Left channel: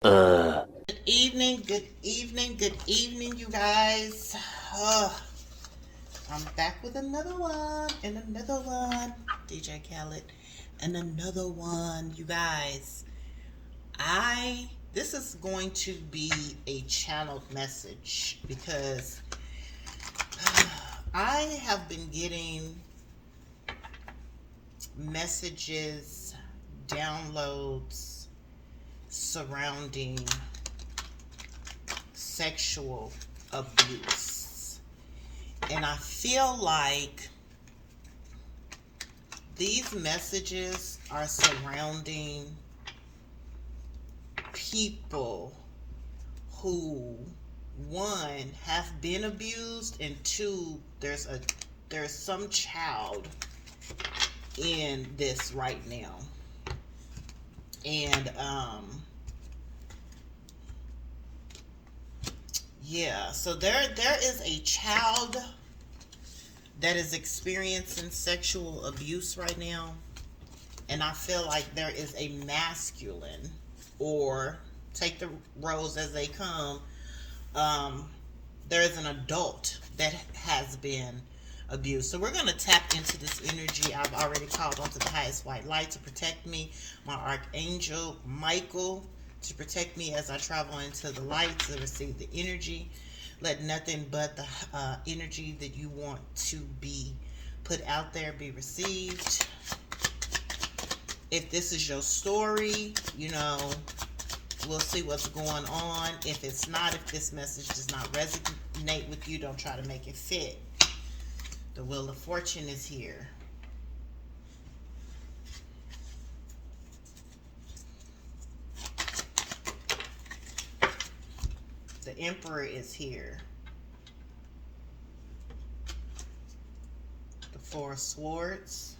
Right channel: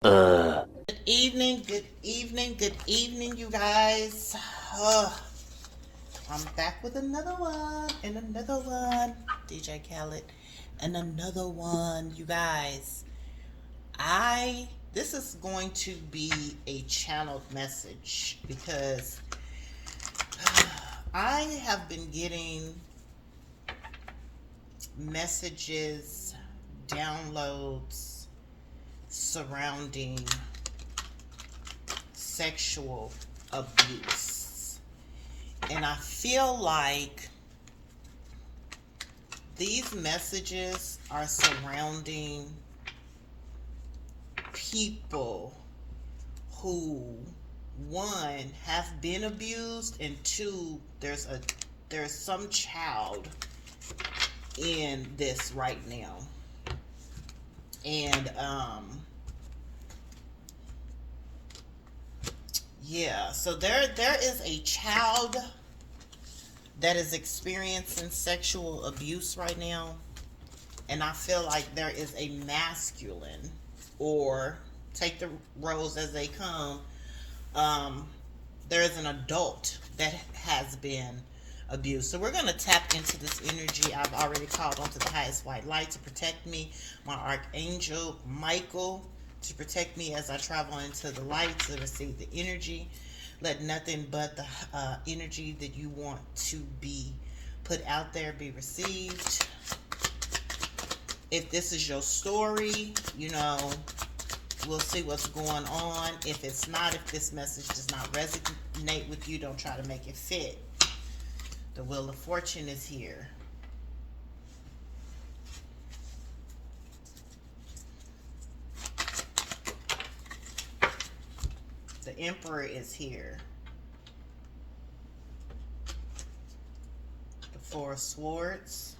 Good evening, good evening, good evening, you guys. Ugh, I'm back with another one and another one. DJ Khaled and another one, you guys. This is going to be a channeled message because I have been getting messages, downloads surrounding sexual abuse. And I feel like these messages are surrounding people who, one, have been abused, and two, there's some child in this right now. And yeah, so there is a child that is experiencing sexual abuse right now, and I feel like there is a masculine, or take the roles as they come, there is an adult that has been abused. So we're going to tap into this energy. I've already called onto the highest white light to protect me, my archangel Michael, to protect me as I travel into the light to receive the energy. Let nothing but the energy that you want to be put out there be received. If this is your story, we'll see what's going on. If it's not, if this message does not resonate with you, don't try to make it fit. The Wheel of Fortune is here. The Emperor is here. The Four of Swords.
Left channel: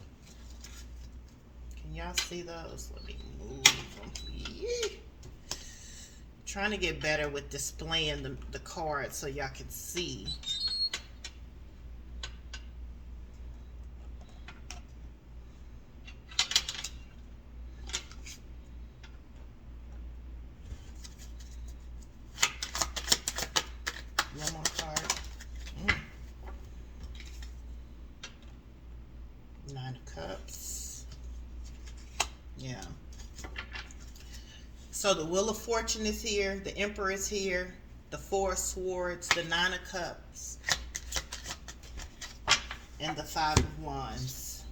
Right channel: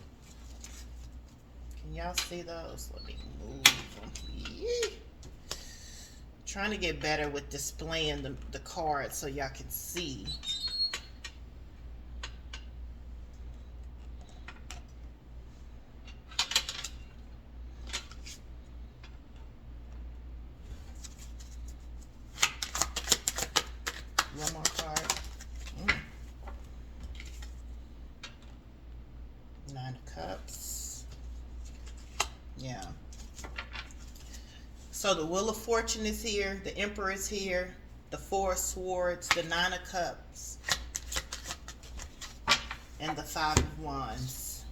Can y'all see those? Let me move them. Yeah. Trying to get better with displaying the cards so y'all can see. One more card. Nine of Cups. Yeah. So the Wheel of Fortune is here. The Emperor is here. The Four of Swords. The Nine of Cups. And the Five of Wands.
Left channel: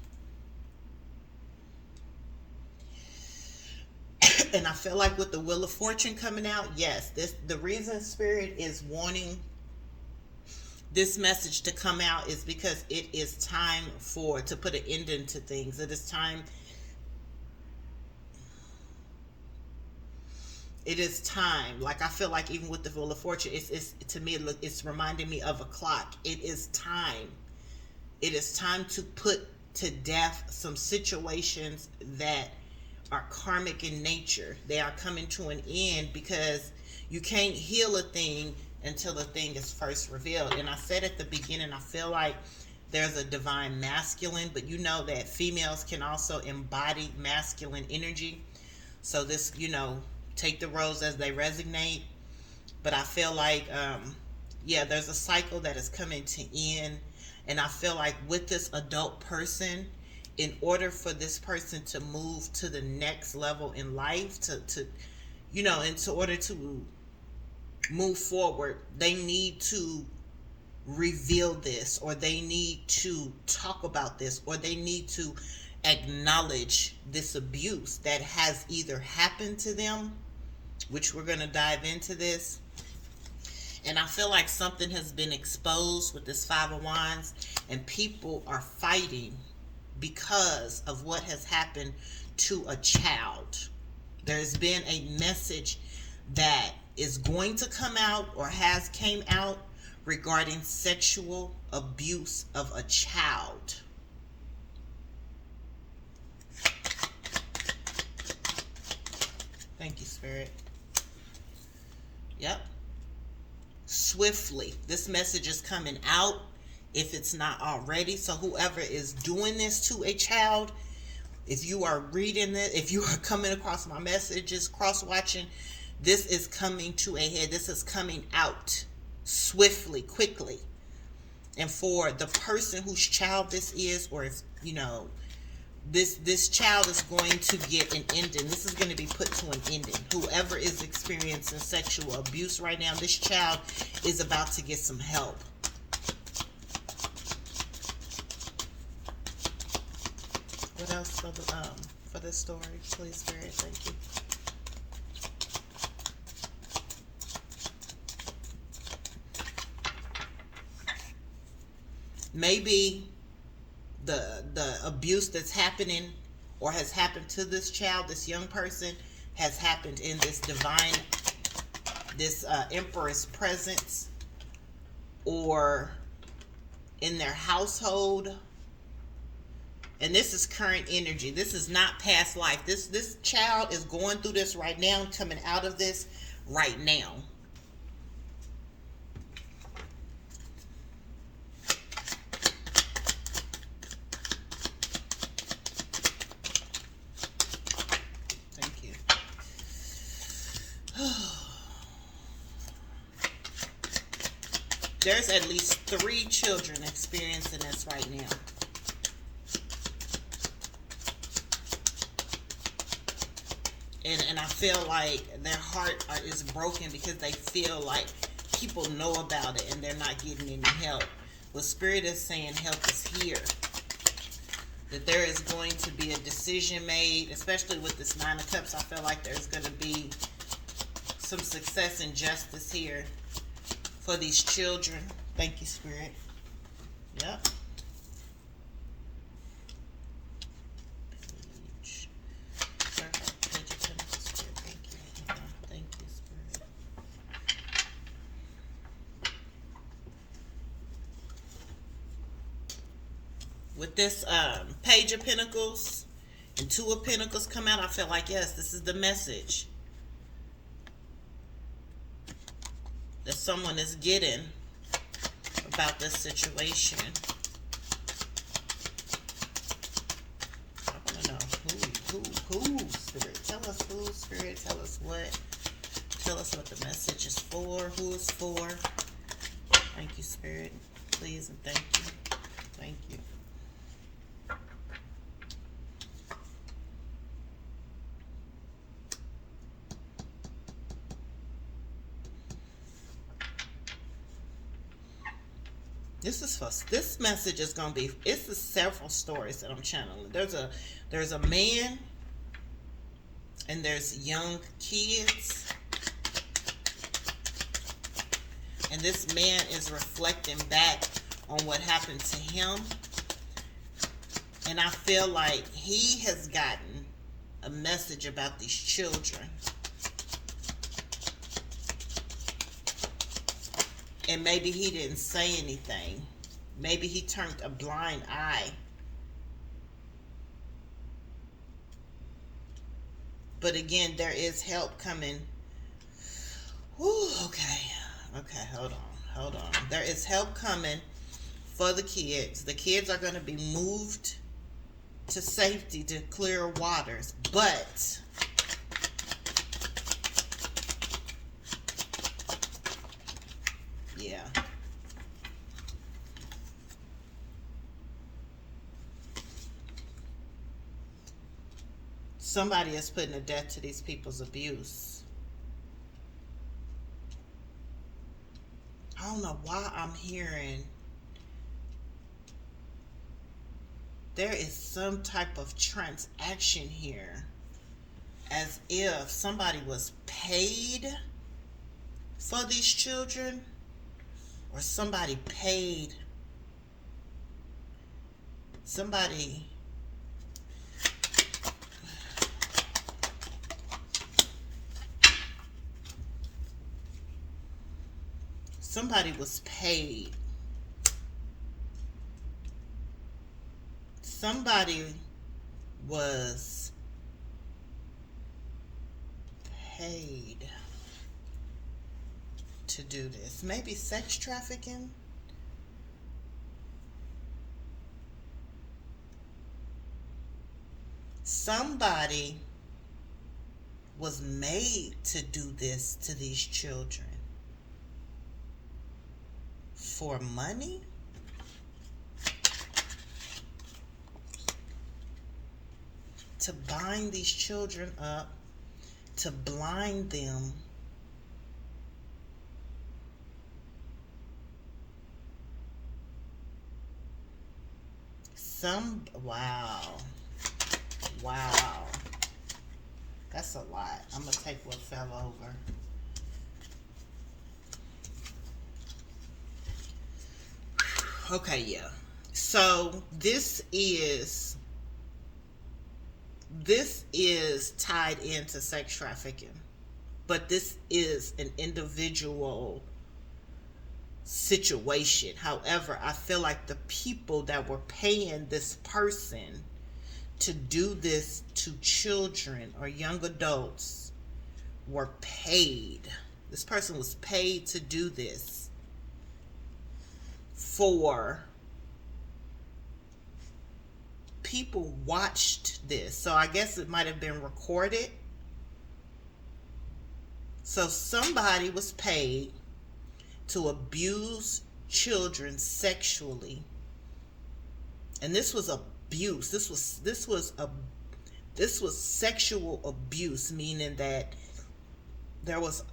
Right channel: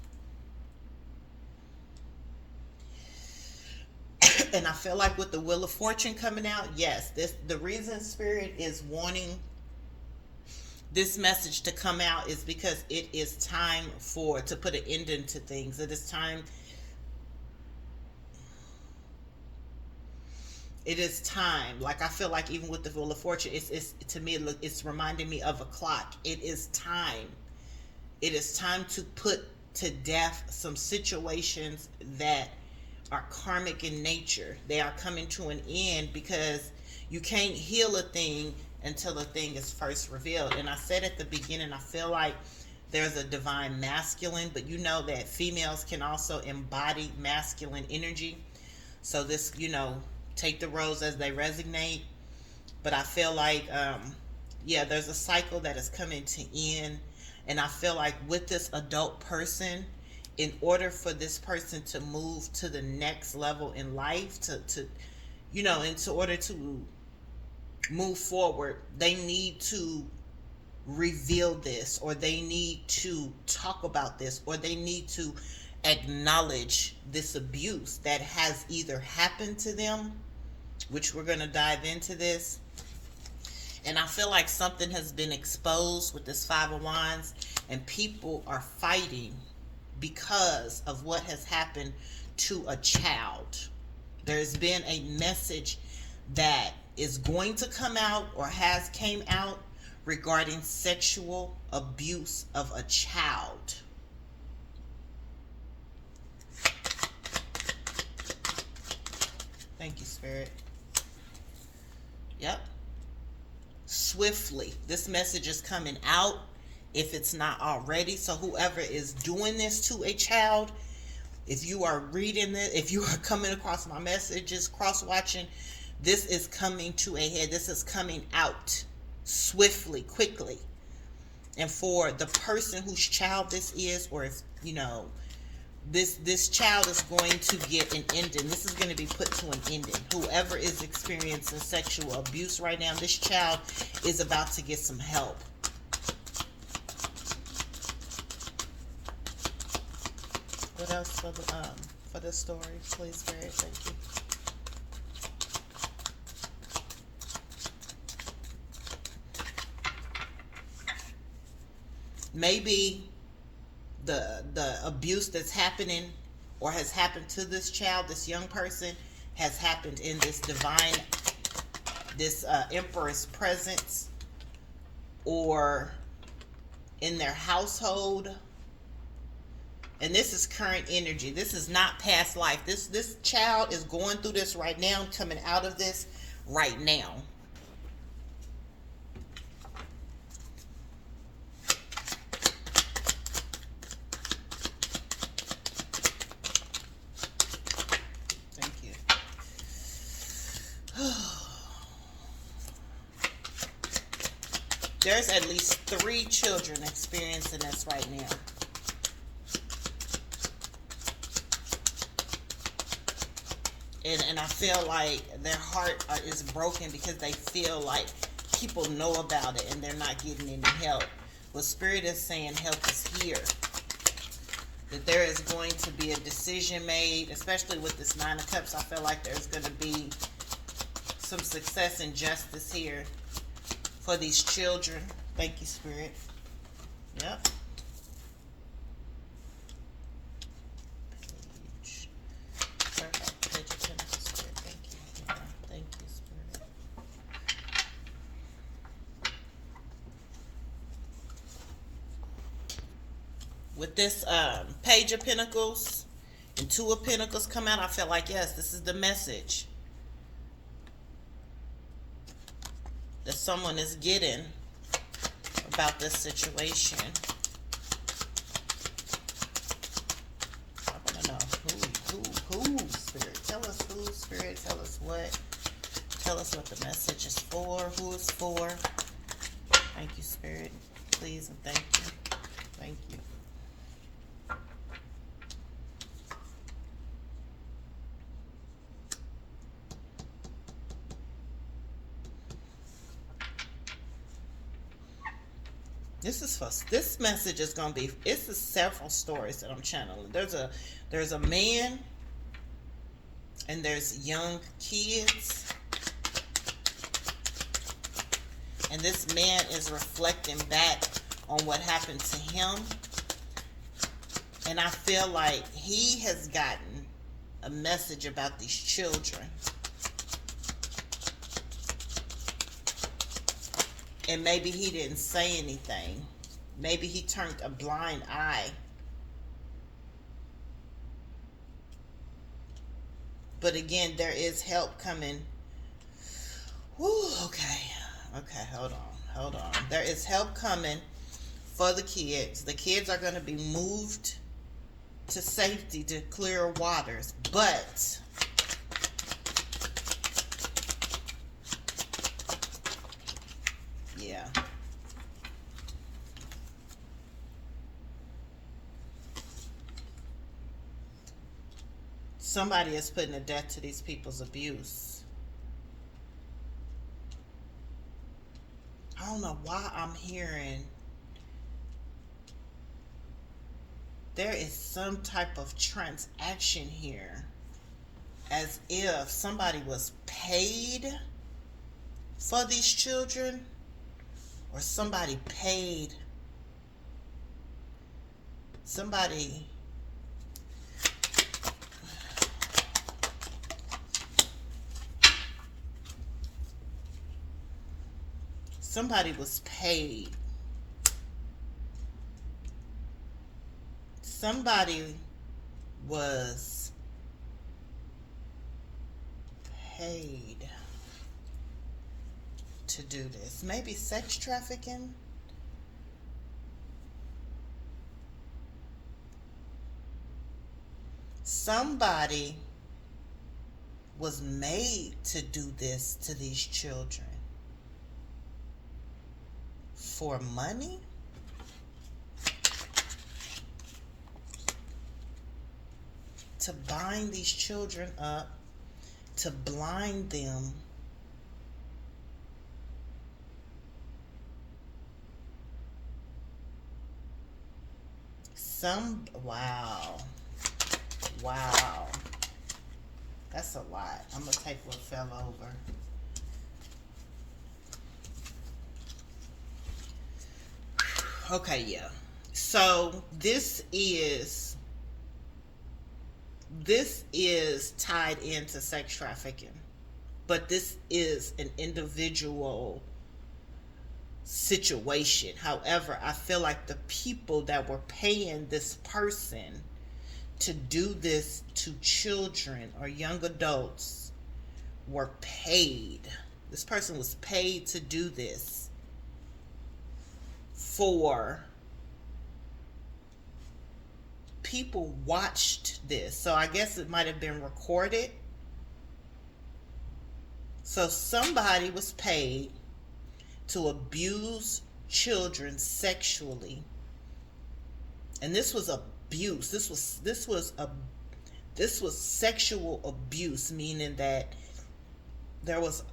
And I feel like with the Wheel of Fortune coming out, yes, the reason Spirit is wanting this message to come out is because it is time to put an end into things. It is time. It is time. Like, I feel like even with the Wheel of Fortune, it's to me, it's reminding me of a clock. It is time. It is time to put to death some situations that are karmic in nature. They are coming to an end because you can't heal a thing until a thing is first revealed. And I said at the beginning, I feel like there's a divine masculine, but you know that females can also embody masculine energy. So this, take the roles as they resonate. But I feel like, there's a cycle that is coming to end. And I feel like with this adult person, in order for this person to move to the next level in life, in order to move forward, they need to reveal this, or they need to talk about this, or they need to acknowledge this abuse that has either happened to them, which we're going to dive into this. And I feel like something has been exposed with this Five of Wands, and people are fighting because of what has happened to a child. There's been a message that is going to come out or has came out regarding sexual abuse of a child. Thank you, Spirit. Yep. Swiftly. This message is coming out if it's not already. So whoever is doing this to a child, if you are reading it, if you are coming across my messages, cross-watching, This is coming to a head. This is coming out swiftly, quickly. And for the person whose child this is, or if, you know, this child is going to get an ending. This is going to be put to an ending. Whoever is experiencing sexual abuse right now, this child is about to get some help. What else for this story, please, Spirit? Thank you. Maybe the abuse that's happening or has happened to this child, this young person, has happened in this divine, this empress presence, or in their household. And this is current energy. This is not past life. This child is going through this right now, coming out of this right now. There's at least 3 children experiencing this right now. And I feel like their heart is broken because they feel like people know about it and they're not getting any help. But Spirit is saying help is here. That there is going to be a decision made, especially with this 9 of Cups. I feel like there's going to be some success and justice here for these children. Thank you, Spirit. Yep. Page of Pentacles, Spirit. Thank you. Thank you, Spirit. With this Page of Pentacles and 2 of Pentacles come out, I feel like, yes, this is the message that someone is getting about this situation. I want to know who, Spirit. Tell us who, Spirit. Tell us what. Tell us what the message is for. Who it's for. Thank you, Spirit. Please and thank you. Thank you. This message is gonna be, it's several stories that I'm channeling. There's a man and there's young kids, and this man is reflecting back on what happened to him, and I feel like he has gotten a message about these children. And maybe he didn't say anything. Maybe he turned a blind eye. But again, there is help coming. Whew, okay. Okay, hold on. There is help coming for the kids. The kids are going to be moved to safety, to clear waters. But yeah. Somebody is putting a death to these people's abuse. I don't know why I'm hearing there is some type of transaction here, as if somebody was paid for these children, or somebody paid somebody. Somebody was paid. Somebody was paid to do this. Maybe sex trafficking. Somebody was made to do this to these children for money. To bind these children up, to blind them, wow. That's a lot. I'm gonna take what fell over. Okay, yeah. So this is tied into sex trafficking, but this is an individual situation. However, I feel like the people that were paying this person to do this to children or young adults were paid. This person was paid to do this for people watched this. So I guess it might have been recorded. So somebody was paid to abuse children sexually. And this was abuse. This was sexual abuse, meaning that there was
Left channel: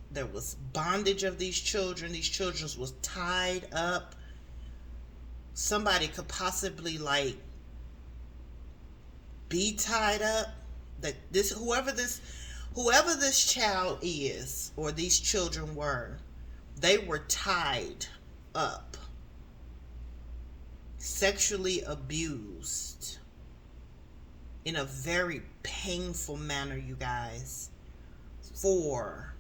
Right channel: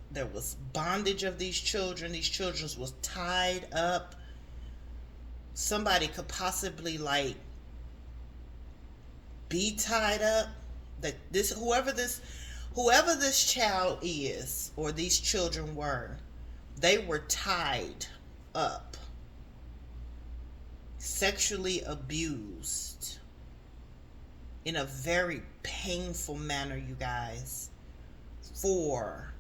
bondage of these children. These children was tied up. Somebody could possibly like be tied up. That whoever this child is, or these children were, they were tied up, sexually abused in a very painful manner, you guys, for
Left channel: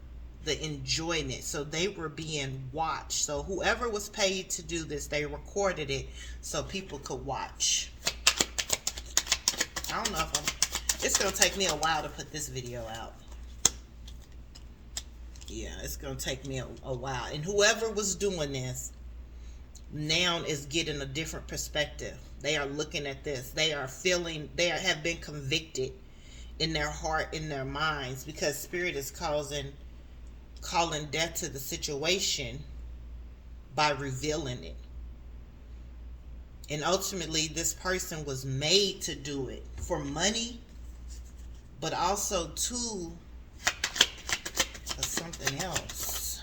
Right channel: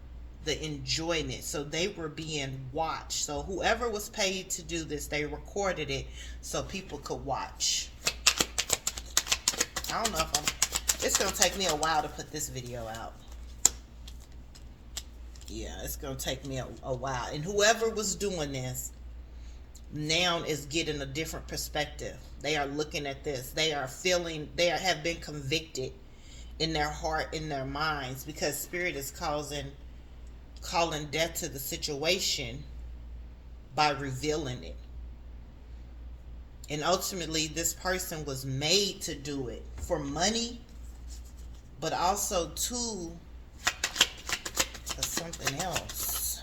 the enjoyment. So they were being watched. So whoever was paid to do this, they recorded it so people could watch. I don't know if it's gonna take me a while to put this video out. Yeah, it's gonna take me a while. And whoever was doing this now is getting a different perspective. They are looking at this. They have been convicted in their heart, in their minds, because Spirit is calling death to the situation by revealing it. And ultimately, this person was made to do it for money, but also for something else.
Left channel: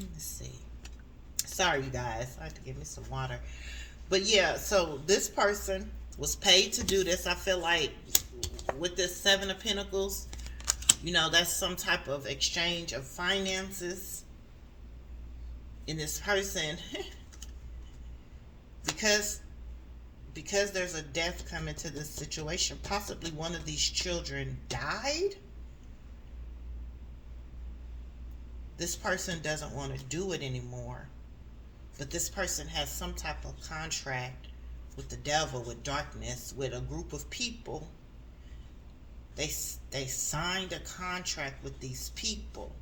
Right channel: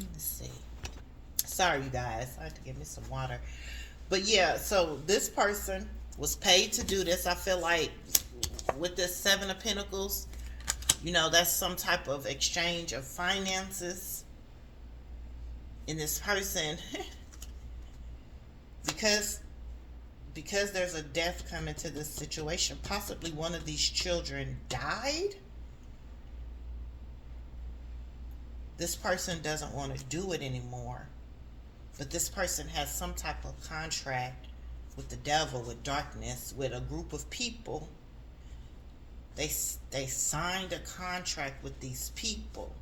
Let's see. Sorry, you guys. I have to give me some water. But yeah, so this person was paid to do this. I feel like with this Seven of Pentacles, you know, that's some type of exchange of finances. And this person, because there's a death coming to this situation, possibly one of these children died. This person doesn't want to do it anymore. But this person has some type of contract with the devil, with darkness, with a group of people. They signed a contract with these people.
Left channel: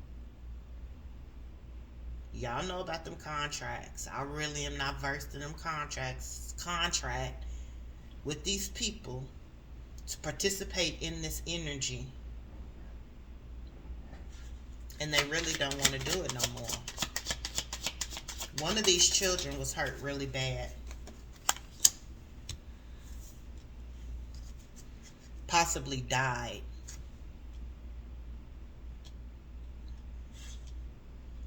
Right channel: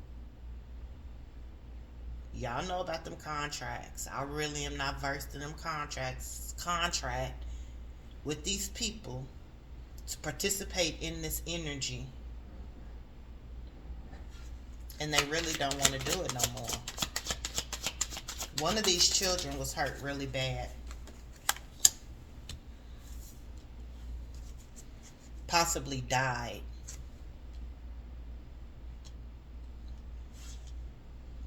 Y'all know about them contracts. I really am not versed in them contracts. Contract with these people to participate in this energy. And they really don't want to do it no more. One of these children was hurt really bad. Possibly died.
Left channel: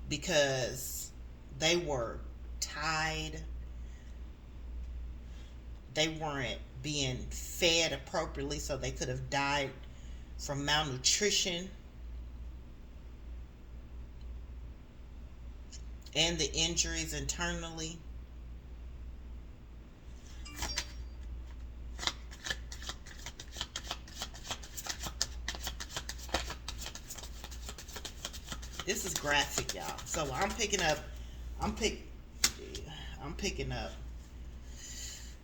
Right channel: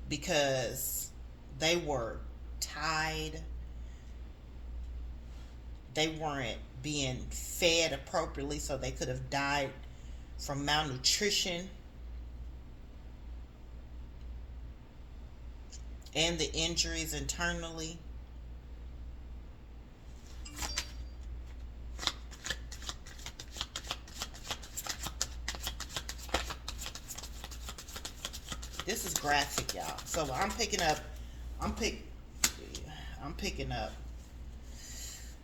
Because they were tied. They weren't being fed appropriately, so they could have died from malnutrition. And the injuries internally. This is graphic, y'all. So I'm picking up.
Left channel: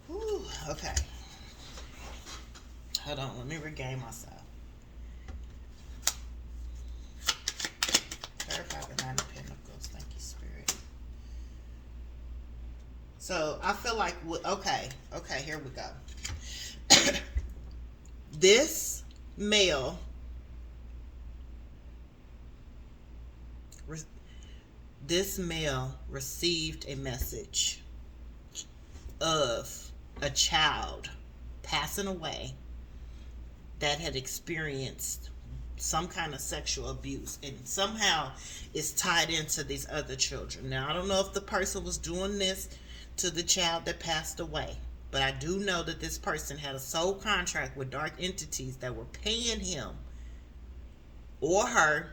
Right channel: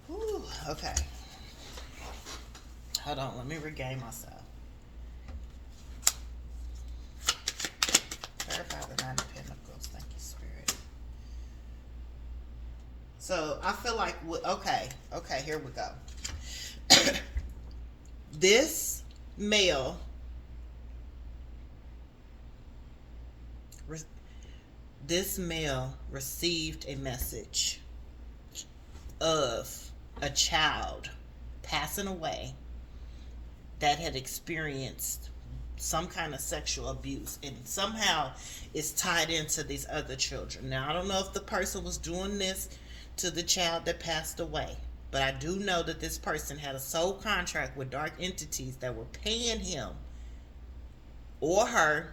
Whew, okay. Hold on. Let me regain myself. Clarify the Nine of Pentacles. Thank you, Spirit. So I feel like, okay, here we go. This male received a message of a child passing away that had experienced some kind of sexual abuse, and somehow it's tied into these other children. Now, I don't know if the person was doing this to the child that passed away, but I do know that this person had a sole contract with dark entities that were paying him or her,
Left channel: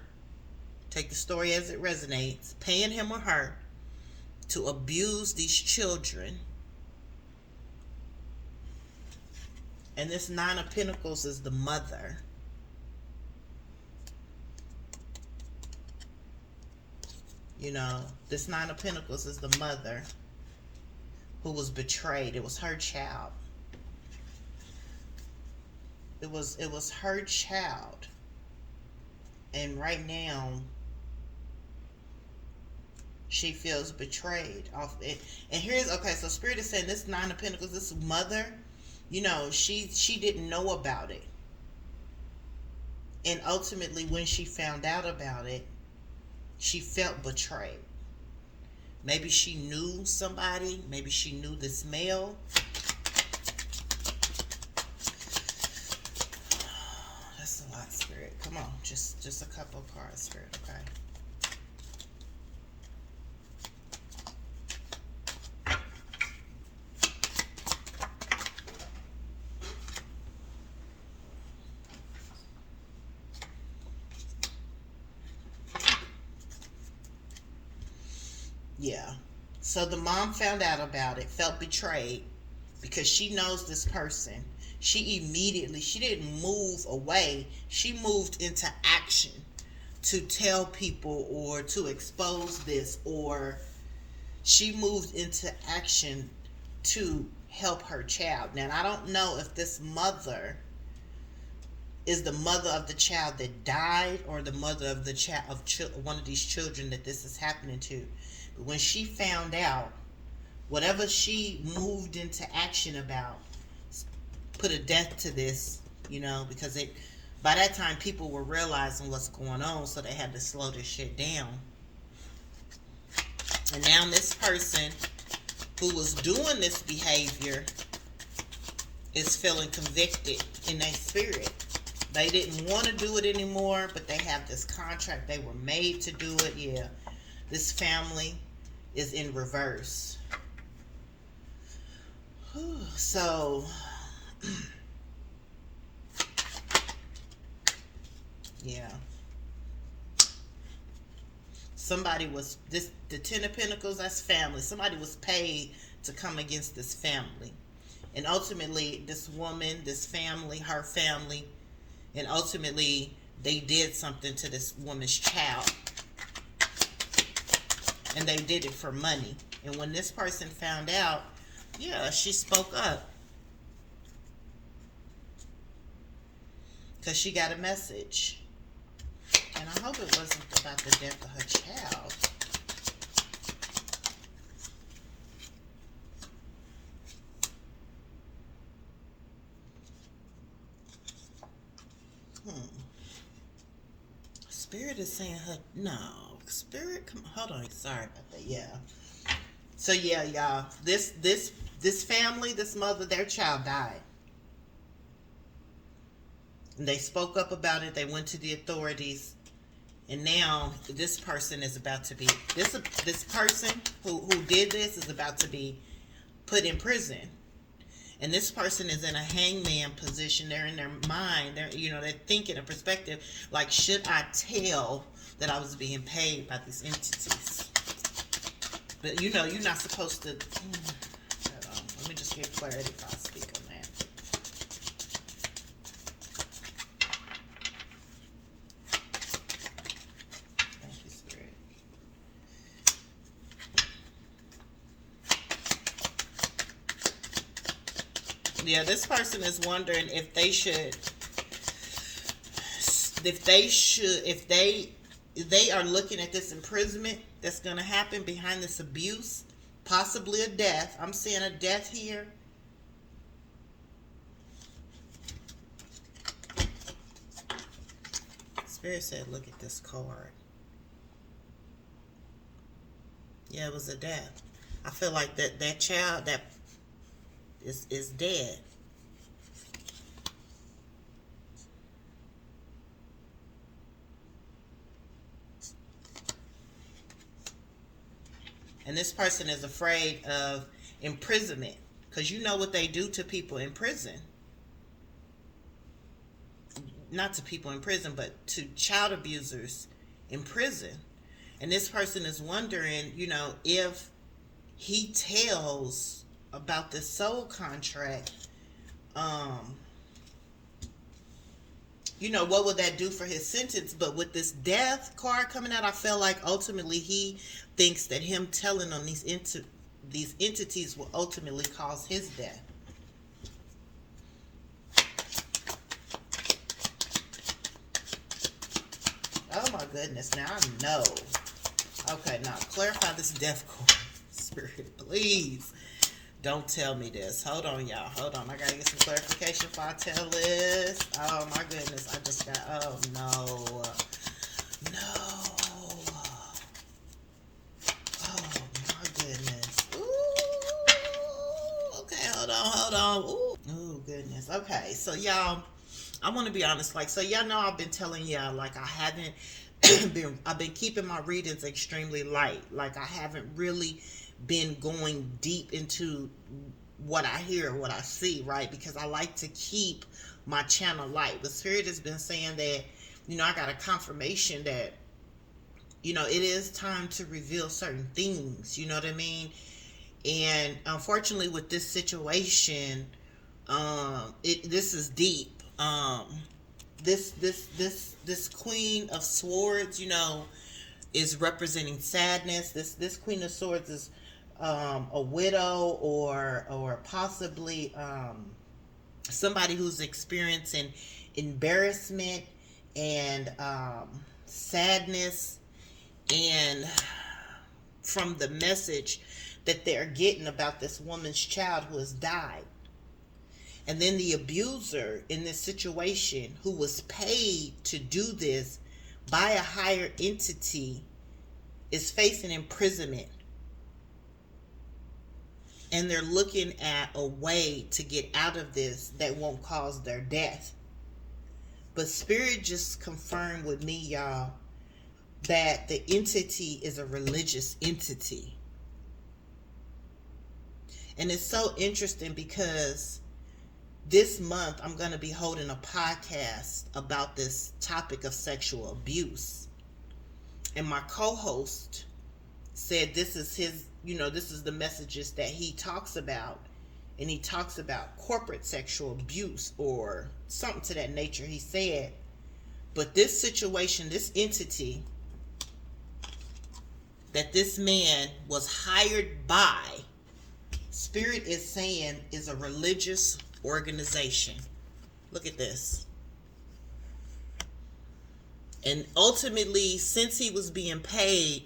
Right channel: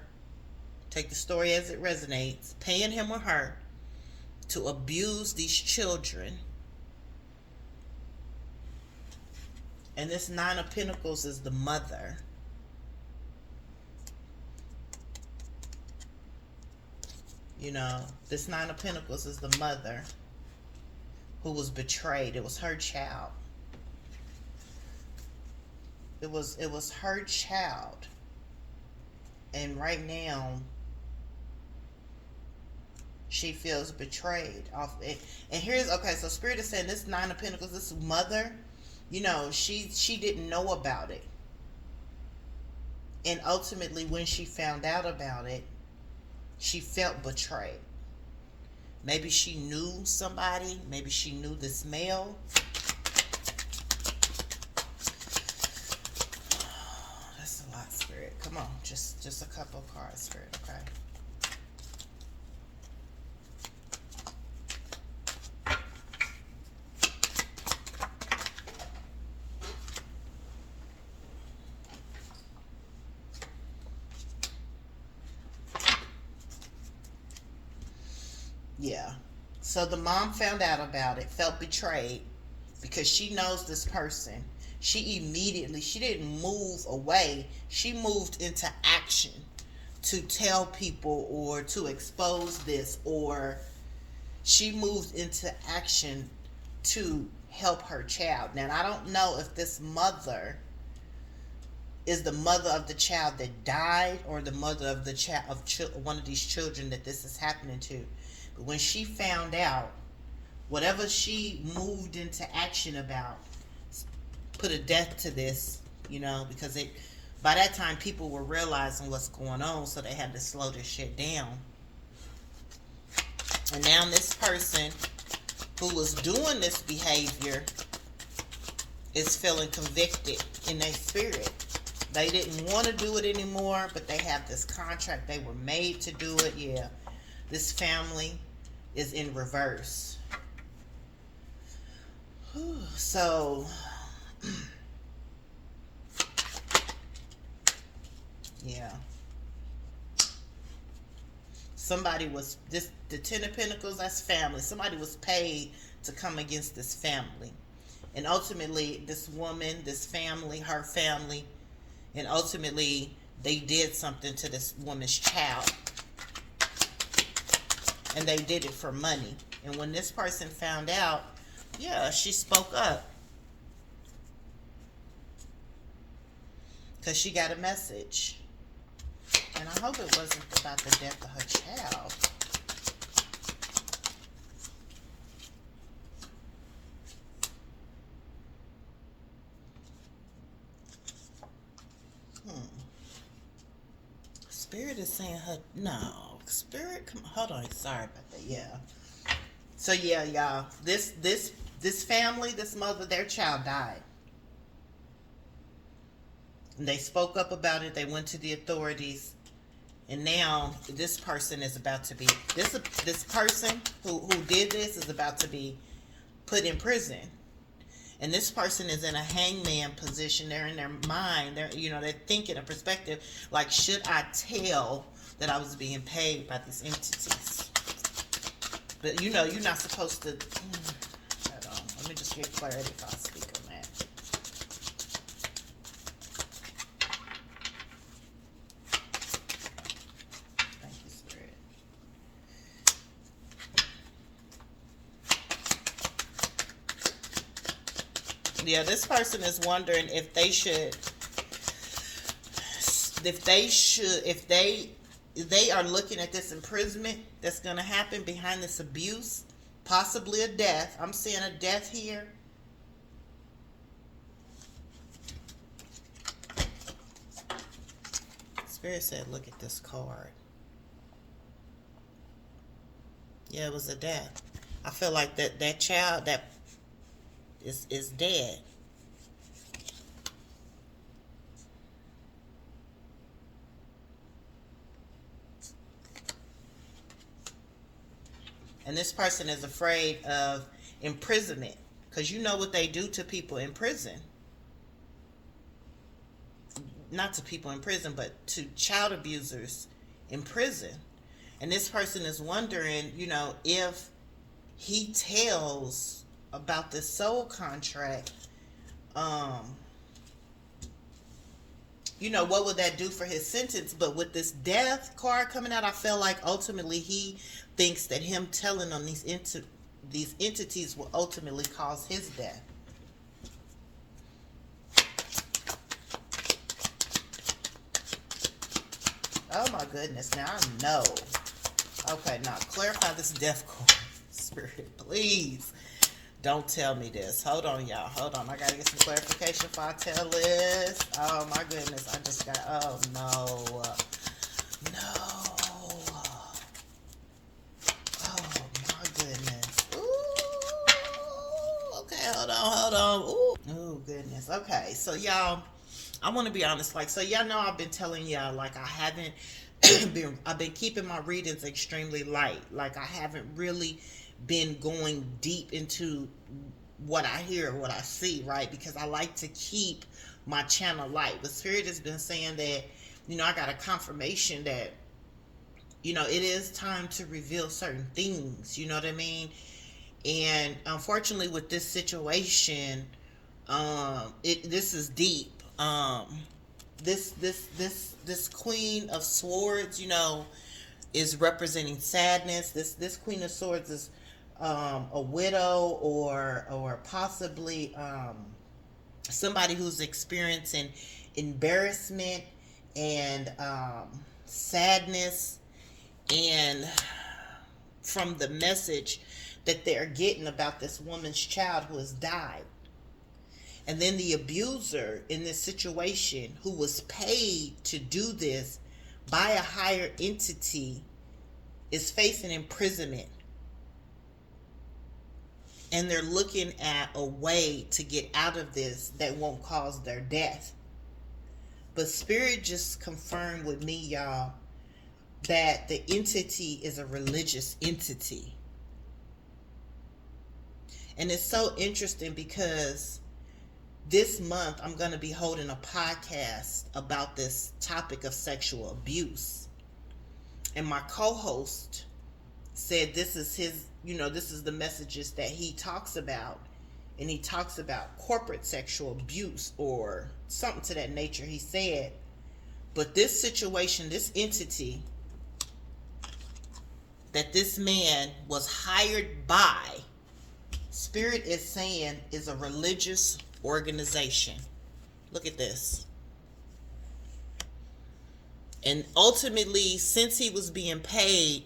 take the story as it resonates, paying him or her to abuse these children. And this Nine of Pentacles is the mother. You know, this Nine of Pentacles is the mother who was betrayed. It was her child. It was her child. And right now, she feels betrayed off it. And here's, okay, so Spirit is saying this Nine of Pentacles, this mother, you know, she didn't know about it. And ultimately, when she found out about it, she felt betrayed. Maybe she knew somebody. Maybe she knew this male. That's a lot, Spirit. Come on, just a couple of cards, Spirit, okay? Yeah. So the mom found out about it, felt betrayed because she knows this person. She didn't move away. She moved into action to tell people or to expose this, or she moved into action to help her child. Now, I don't know if this mother is the mother of the child that died or the mother of the child of one of these children that this is happening to. But when she found out, whatever she moved into action about, put a death to this, you know, because by that time people were realizing what's going on, so they had to slow this shit down. And now this person who was doing this behavior is feeling convicted in their spirit. They didn't want to do it anymore, but they have this contract. They were made to do it. Yeah. This family is in reverse. So, yeah. Somebody was, the Ten of Pentacles, that's family. Somebody was paid to come against this family. And ultimately, this woman, this family, her family, and ultimately, they did something to this woman's child. And they did it for money. And when this person found out, yeah, she spoke up. Because she got a message. And I hope it wasn't about the death of her child. Spirit is saying her, no. Spirit, come on, hold on, sorry about that, yeah. So yeah, y'all, this family, this mother, their child died. And they spoke up about it, they went to the authorities, and now this person is about to be, this person who did this is about to be put in prison. And this person is in a hangman position. They're in their mind, they're thinking a perspective, like, should I tell that I was being paid by these entities? But you're not supposed to. Hold on. Let me just get clarity if I speak on that. Thank you, Spirit. Yeah, this person is wondering if they are looking at this imprisonment that's going to happen behind this abuse possibly a death. I'm seeing a death here. Spirit said, look at this card. Yeah, it was a death. I feel like that child that is dead. And this person is afraid of imprisonment, because you know what they do to people in prison. Not to people in prison, but to child abusers in prison. And this person is wondering, if he tells about this soul contract, what would that do for his sentence? But with this death card coming out, I feel like ultimately he thinks that him telling on these entities will ultimately cause his death. Oh my goodness, now I know. Okay, now clarify this death card. Spirit, please. Don't tell me this. Hold on, y'all. Hold on. I gotta get some clarification before I tell this. Oh my goodness. I just got, oh no. No. Oh my goodness. Ooh. Okay, hold on. Ooh. Oh goodness. Okay, so y'all, I want to be honest. So y'all know I've been telling y'all, I haven't I've been keeping my readings extremely light. I haven't really been going deep into what I hear or what I see, right? Because I like to keep my channel light. But Spirit has been saying that, I got a confirmation that, it is time to reveal certain things, you know what I mean? And unfortunately with this situation, this is deep. This Queen of Swords, is representing sadness. This Queen of Swords is a widow or possibly somebody who's experiencing embarrassment and sadness, and from the message that they're getting about this woman's child who has died. And then the abuser in this situation, who was paid to do this by a higher entity, is facing imprisonment. And they're looking at a way to get out of this that won't cause their death. But Spirit just confirmed with me, y'all, that the entity is a religious entity. And it's so interesting because this month, I'm going to be holding a podcast about this topic of sexual abuse. And my co-host said this is his, this is the messages that he talks about. And he talks about corporate sexual abuse or something to that nature, he said. But this situation, this entity that this man was hired by, Spirit is saying is a religious organization. Look at this. And ultimately, since he was being paid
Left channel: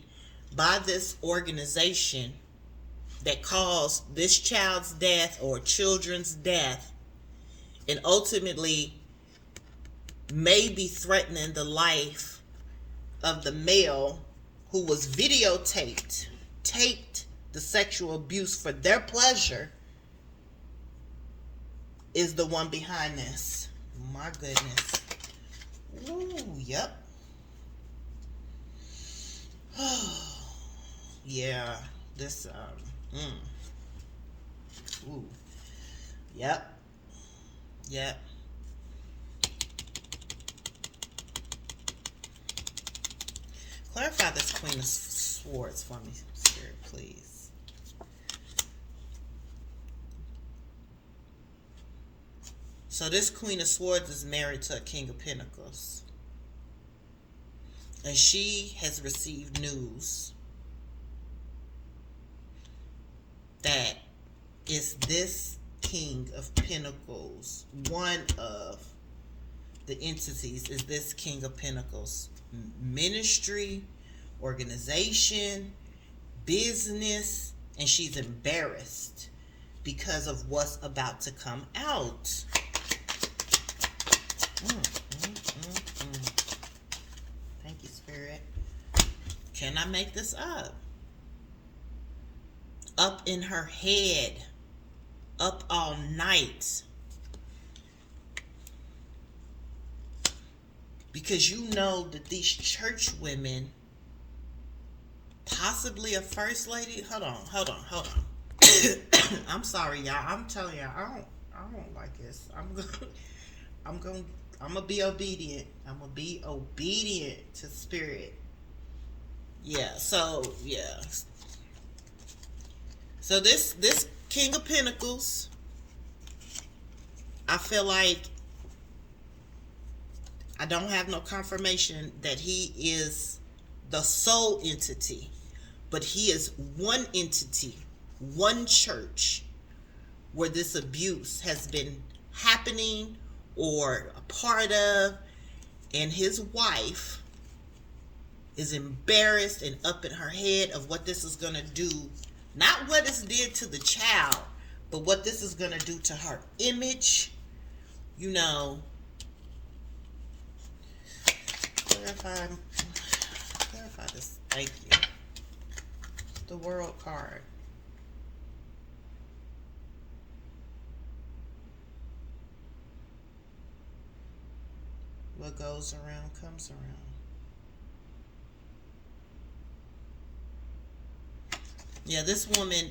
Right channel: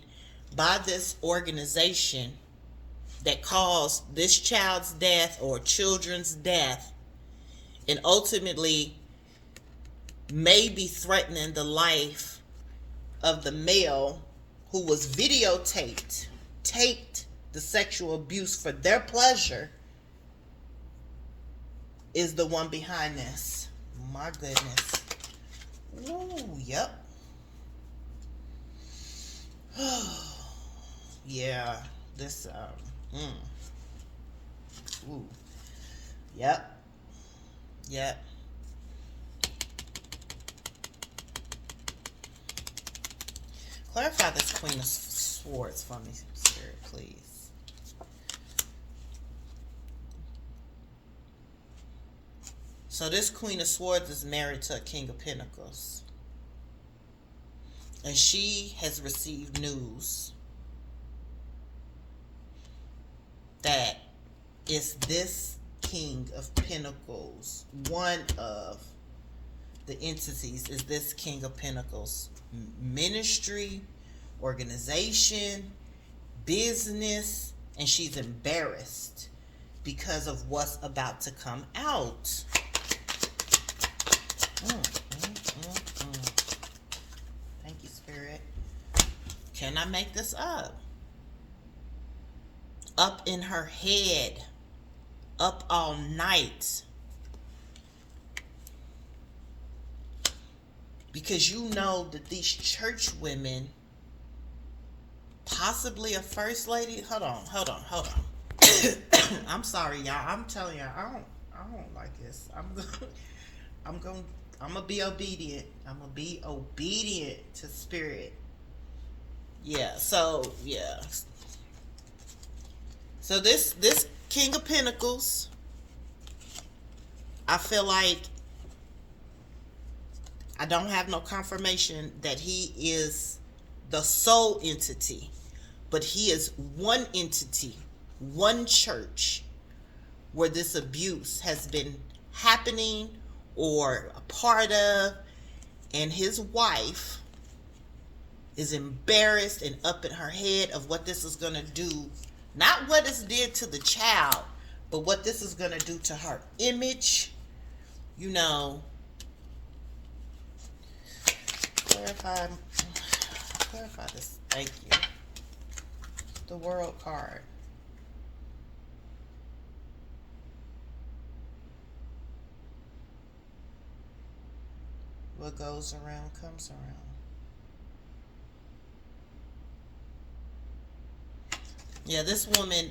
by this organization that caused this child's death or children's death, and ultimately may be threatening the life of the male who was taped the sexual abuse for their pleasure, is the one behind this. My goodness. Ooh, yep. Yeah, this, ooh, yep, clarify this Queen of Swords for me, Spirit, please. So this Queen of Swords is married to a King of Pentacles. And she has received news that is this King of Pentacles, one of the entities is this King of Pentacles. Ministry, organization, business, and she's embarrassed because of what's about to come out. Thank you, Spirit. Can I make this up? Up in her head, up all night. Because you know that these church women, possibly a first lady. Hold on. I'm sorry, y'all. I'm telling y'all, I don't like this. I'm gonna be obedient. I'm gonna be obedient to Spirit. Yeah. So this King of Pentacles, I feel like I don't have no confirmation that he is the sole entity, but he is one entity, one church where this abuse has been happening or a part of, and his wife is embarrassed and up in her head of what this is going to do. Not what it's did to the child, but what this is going to do to her image. You know, clarify this. Thank you. The World card. What goes around comes around. Yeah, this woman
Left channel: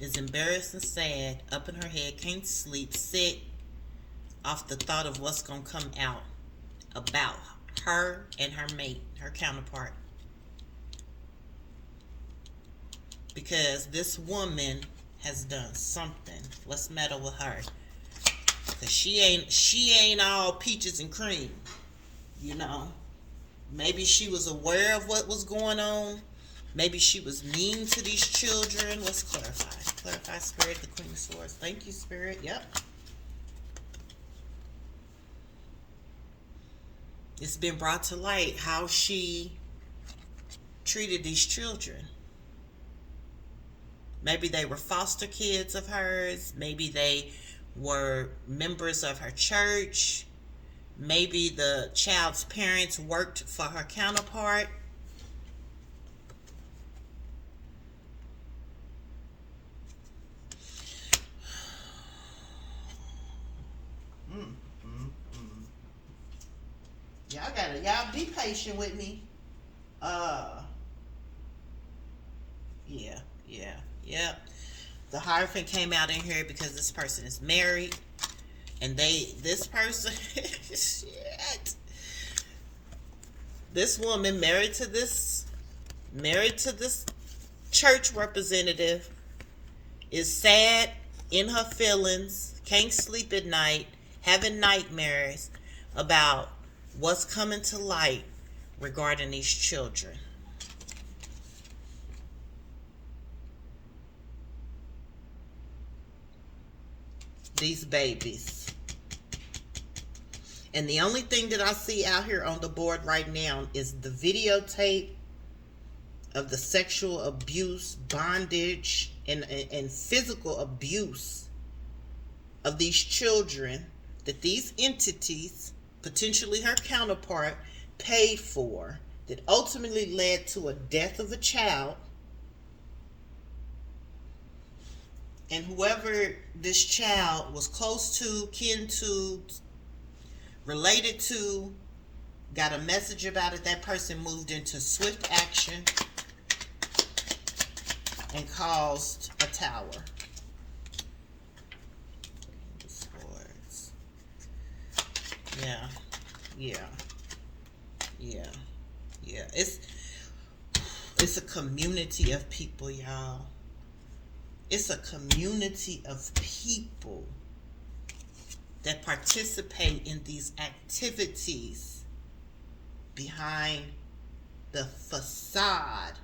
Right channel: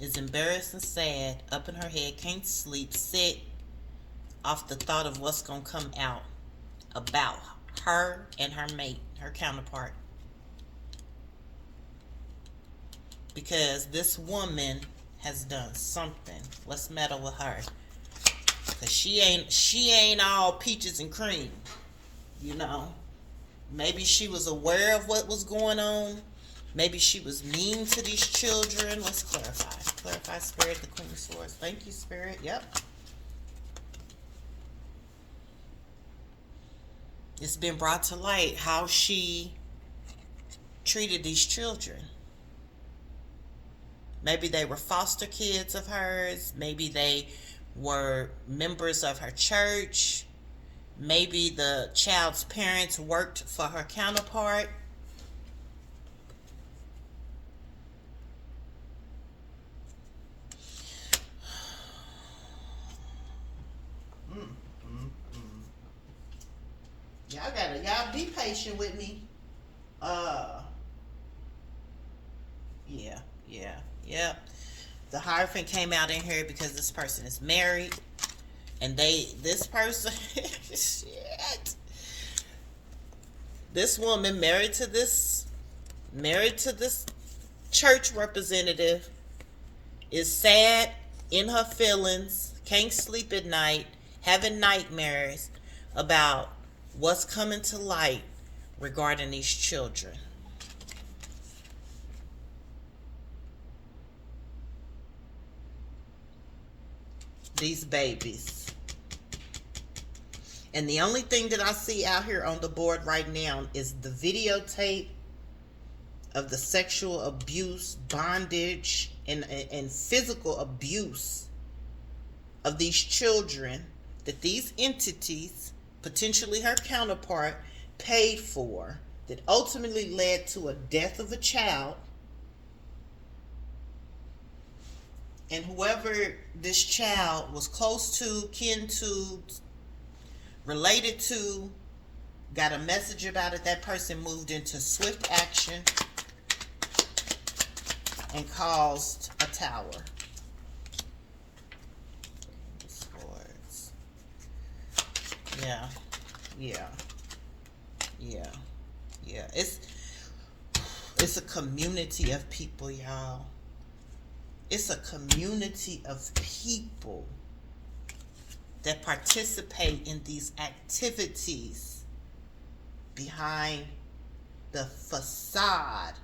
is embarrassed and sad, up in her head, can't sleep, sick off the thought of what's going to come out about her and her mate, her counterpart. Because this woman has done something. Let's meddle with her. Because she ain't all peaches and cream, you know. Maybe she was aware of what was going on. Maybe she was mean to these children. Let's clarify. Clarify, Spirit, the Queen of Swords. Thank you, Spirit. Yep. It's been brought to light how she treated these children. Maybe they were foster kids of hers. Maybe they were members of her church. Maybe the child's parents worked for her counterpart. Y'all be patient with me. Yeah. The Hierophant came out in here because this person is married. And this person, shit. This woman married to this church representative is sad, in her feelings, can't sleep at night, having nightmares about what's coming to light regarding these children. These babies. And the only thing that I see out here on the board right now is the videotape of the sexual abuse, bondage, and physical abuse of these children that these entities, potentially her counterpart, paid for, that ultimately led to a death of a child. And whoever this child was close to, kin to, related to, got a message about it. That person moved into swift action and caused a tower. Yeah. It's a community of people, y'all. It's a community of people that participate in these activities behind the facade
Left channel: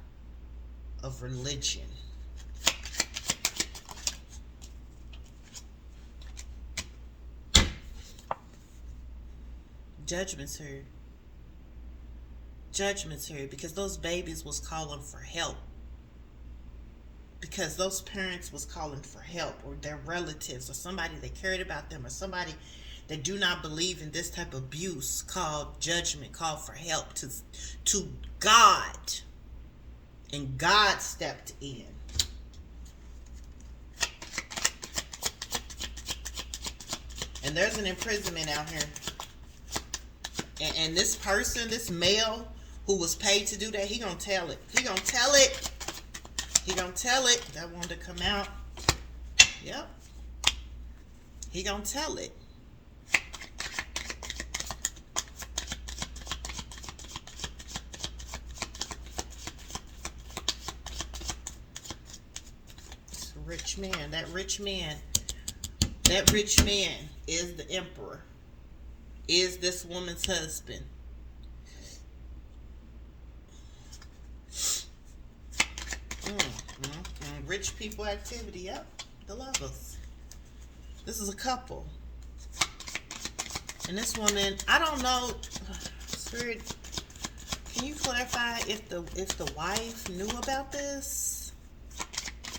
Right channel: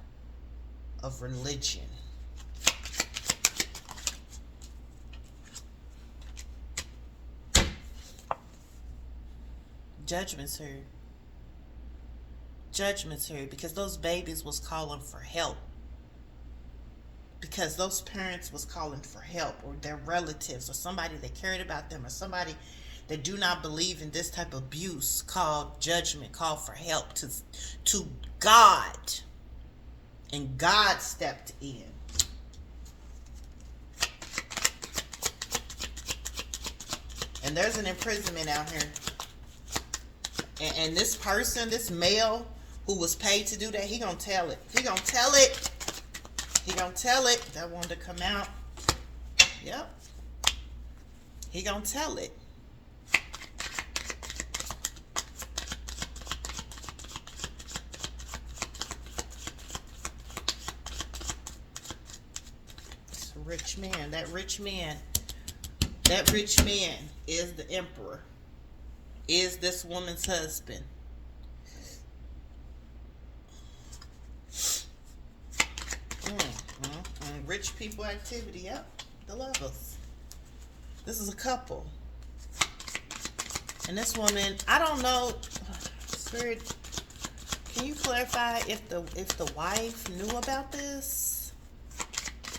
of religion. Judgment's heard. judgmentary, because those babies was calling for help. Because those parents was calling for help, or their relatives, or somebody that cared about them, or somebody that do not believe in this type of abuse called judgment, called for help to God. And God stepped in. And there's an imprisonment out here. And this person, this male who was paid to do that, he gonna tell it. He gonna tell it. He gonna tell it. That wanted to come out. Yep. He gonna tell it. It's a rich man. That rich man is the emperor. Is this woman's husband. Rich people activity. Yep, the lovers. This is a couple, and this woman, I don't know, Spirit, can you clarify if the wife knew about this?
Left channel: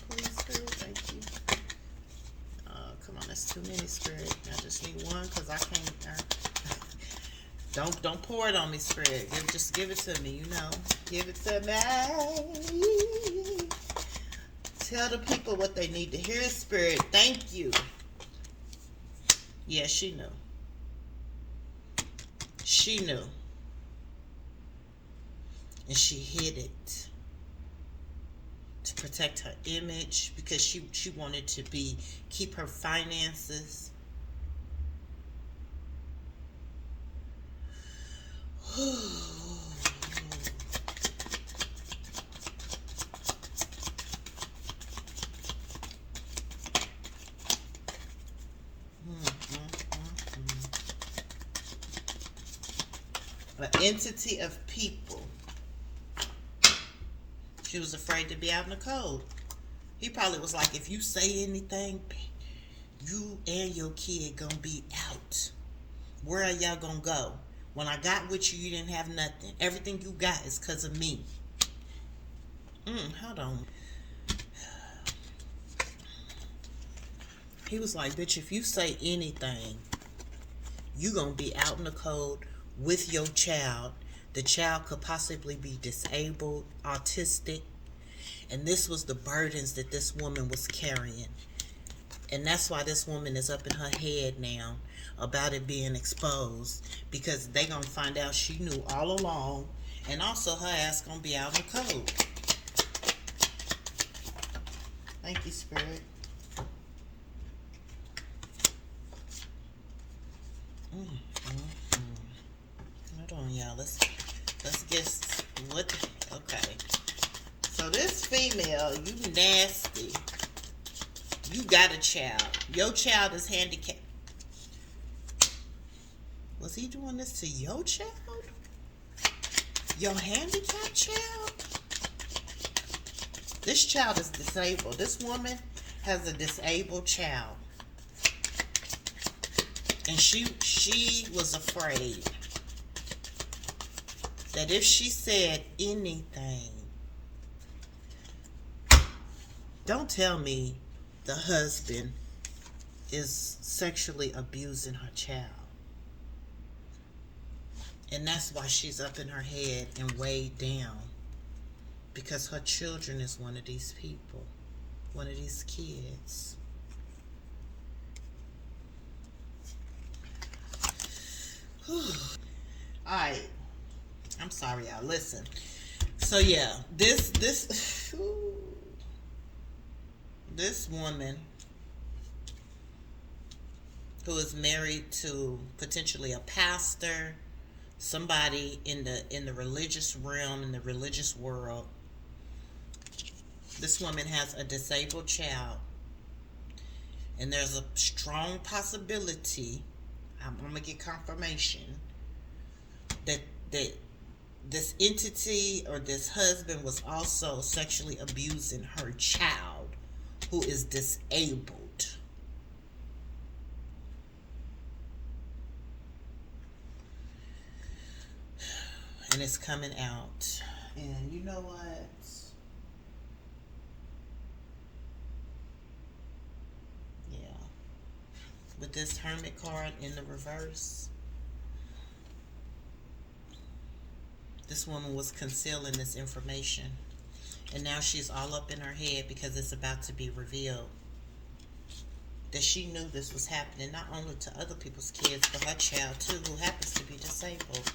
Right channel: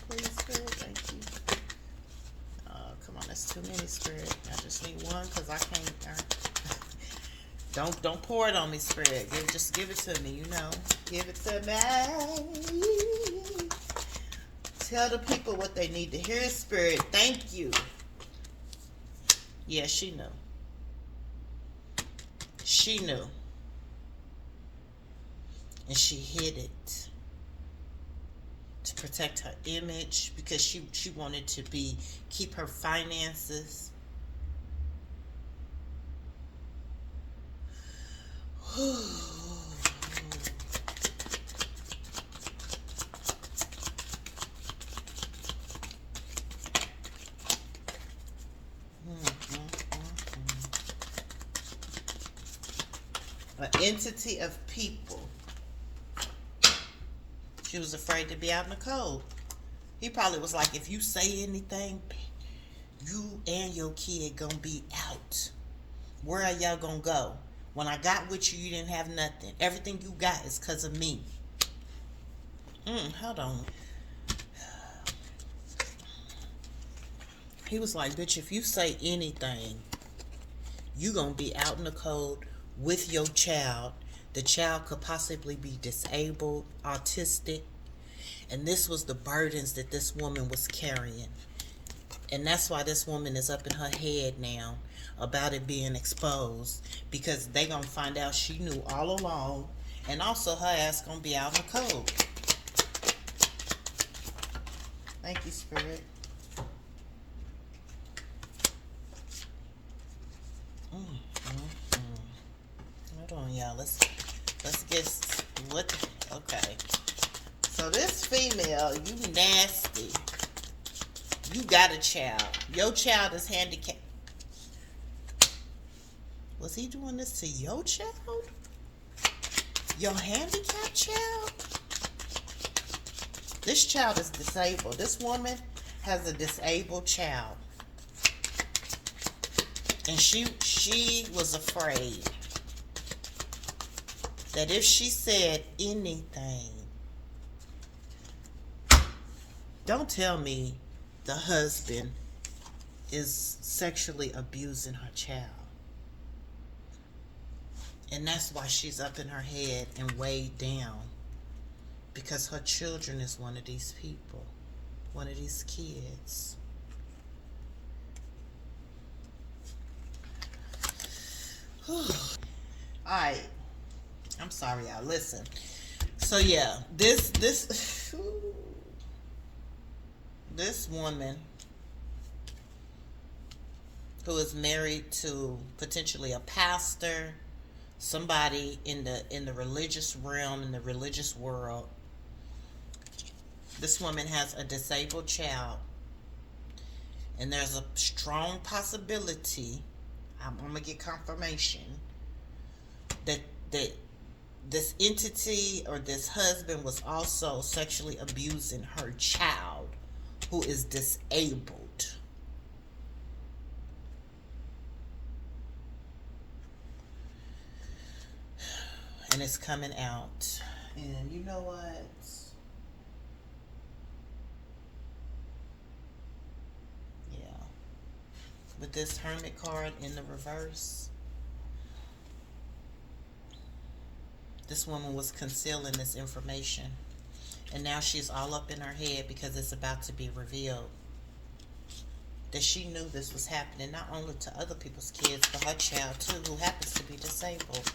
Please, Spirit, thank you. Come on, that's too many, Spirit. I just need one, because I can't. Don't pour it on me, Spirit. Just give it to me, Give it to me. Tell the people what they need to hear, Spirit. Thank you. Yeah, she knew. She knew. And she hid it to protect her image, because she wanted to keep her finances. An entity of people. She was afraid to be out in the cold. He probably was like, if you say anything, you and your kid gonna be out. Where are y'all gonna go? When I got with you, you didn't have nothing. Everything you got is because of me. Hold on. He was like, bitch, if you say anything, you gonna be out in the cold with your child. The child could possibly be disabled, autistic. And this was the burdens that this woman was carrying. And that's why this woman is up in her head now about it being exposed, because they gonna find out she knew all along, and also her ass gonna be out in the cold. Thank you, Spirit. Hold on, y'all. Let's get okay. So this female, you nasty. You got a child. Your child is handicapped. Was he doing this to your child? Your handicapped child? This child is disabled. This woman has a disabled child. And she was afraid that if she said anything, don't tell me the husband is sexually abusing her child. And that's why she's up in her head and weighed down. Because her children is one of these people. One of these kids. Alright. I'm sorry, y'all. Listen. So yeah, this woman who is married to potentially a pastor, somebody in the religious realm, in the religious world. This woman has a disabled child, and there's a strong possibility, I'm gonna get confirmation, that this entity or this husband was also sexually abusing her child, who is disabled. and it's coming out. And you know what? Yeah. With this Hermit card in the reverse, this woman was concealing this information. And now she's all up in her head because it's about to be revealed that she knew this was happening, not only to other people's kids, but her child too, who happens to be disabled.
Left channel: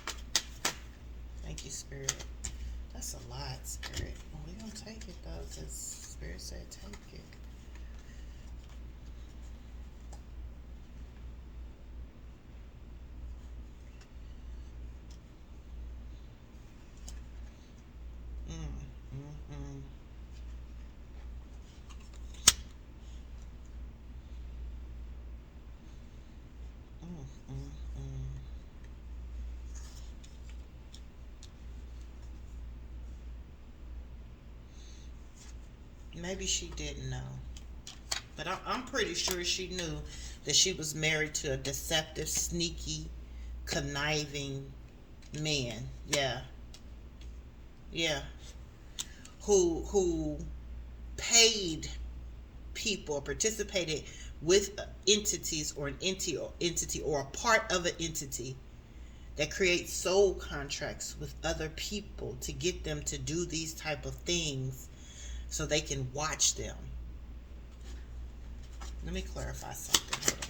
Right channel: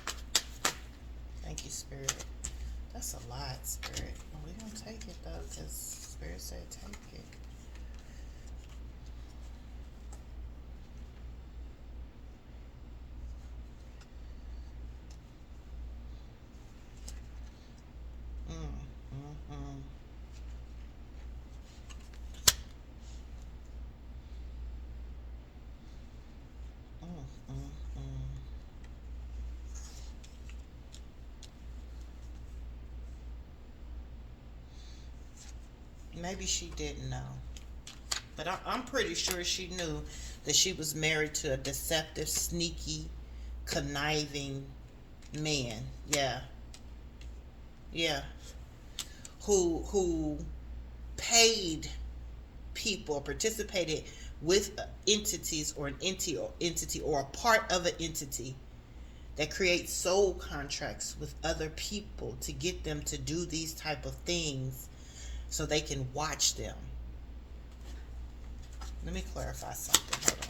Thank you, Spirit. That's a lot, Spirit. Well, we're going to take it, though, because Spirit said take it. Maybe she didn't know. But I'm pretty sure she knew that she was married to a deceptive, sneaky, conniving man. Yeah. Yeah. Who paid people, participated with entities or an entity or a part of an entity that creates soul contracts with other people to get them to do these type of things so they can watch them. Let me clarify something. Hold on.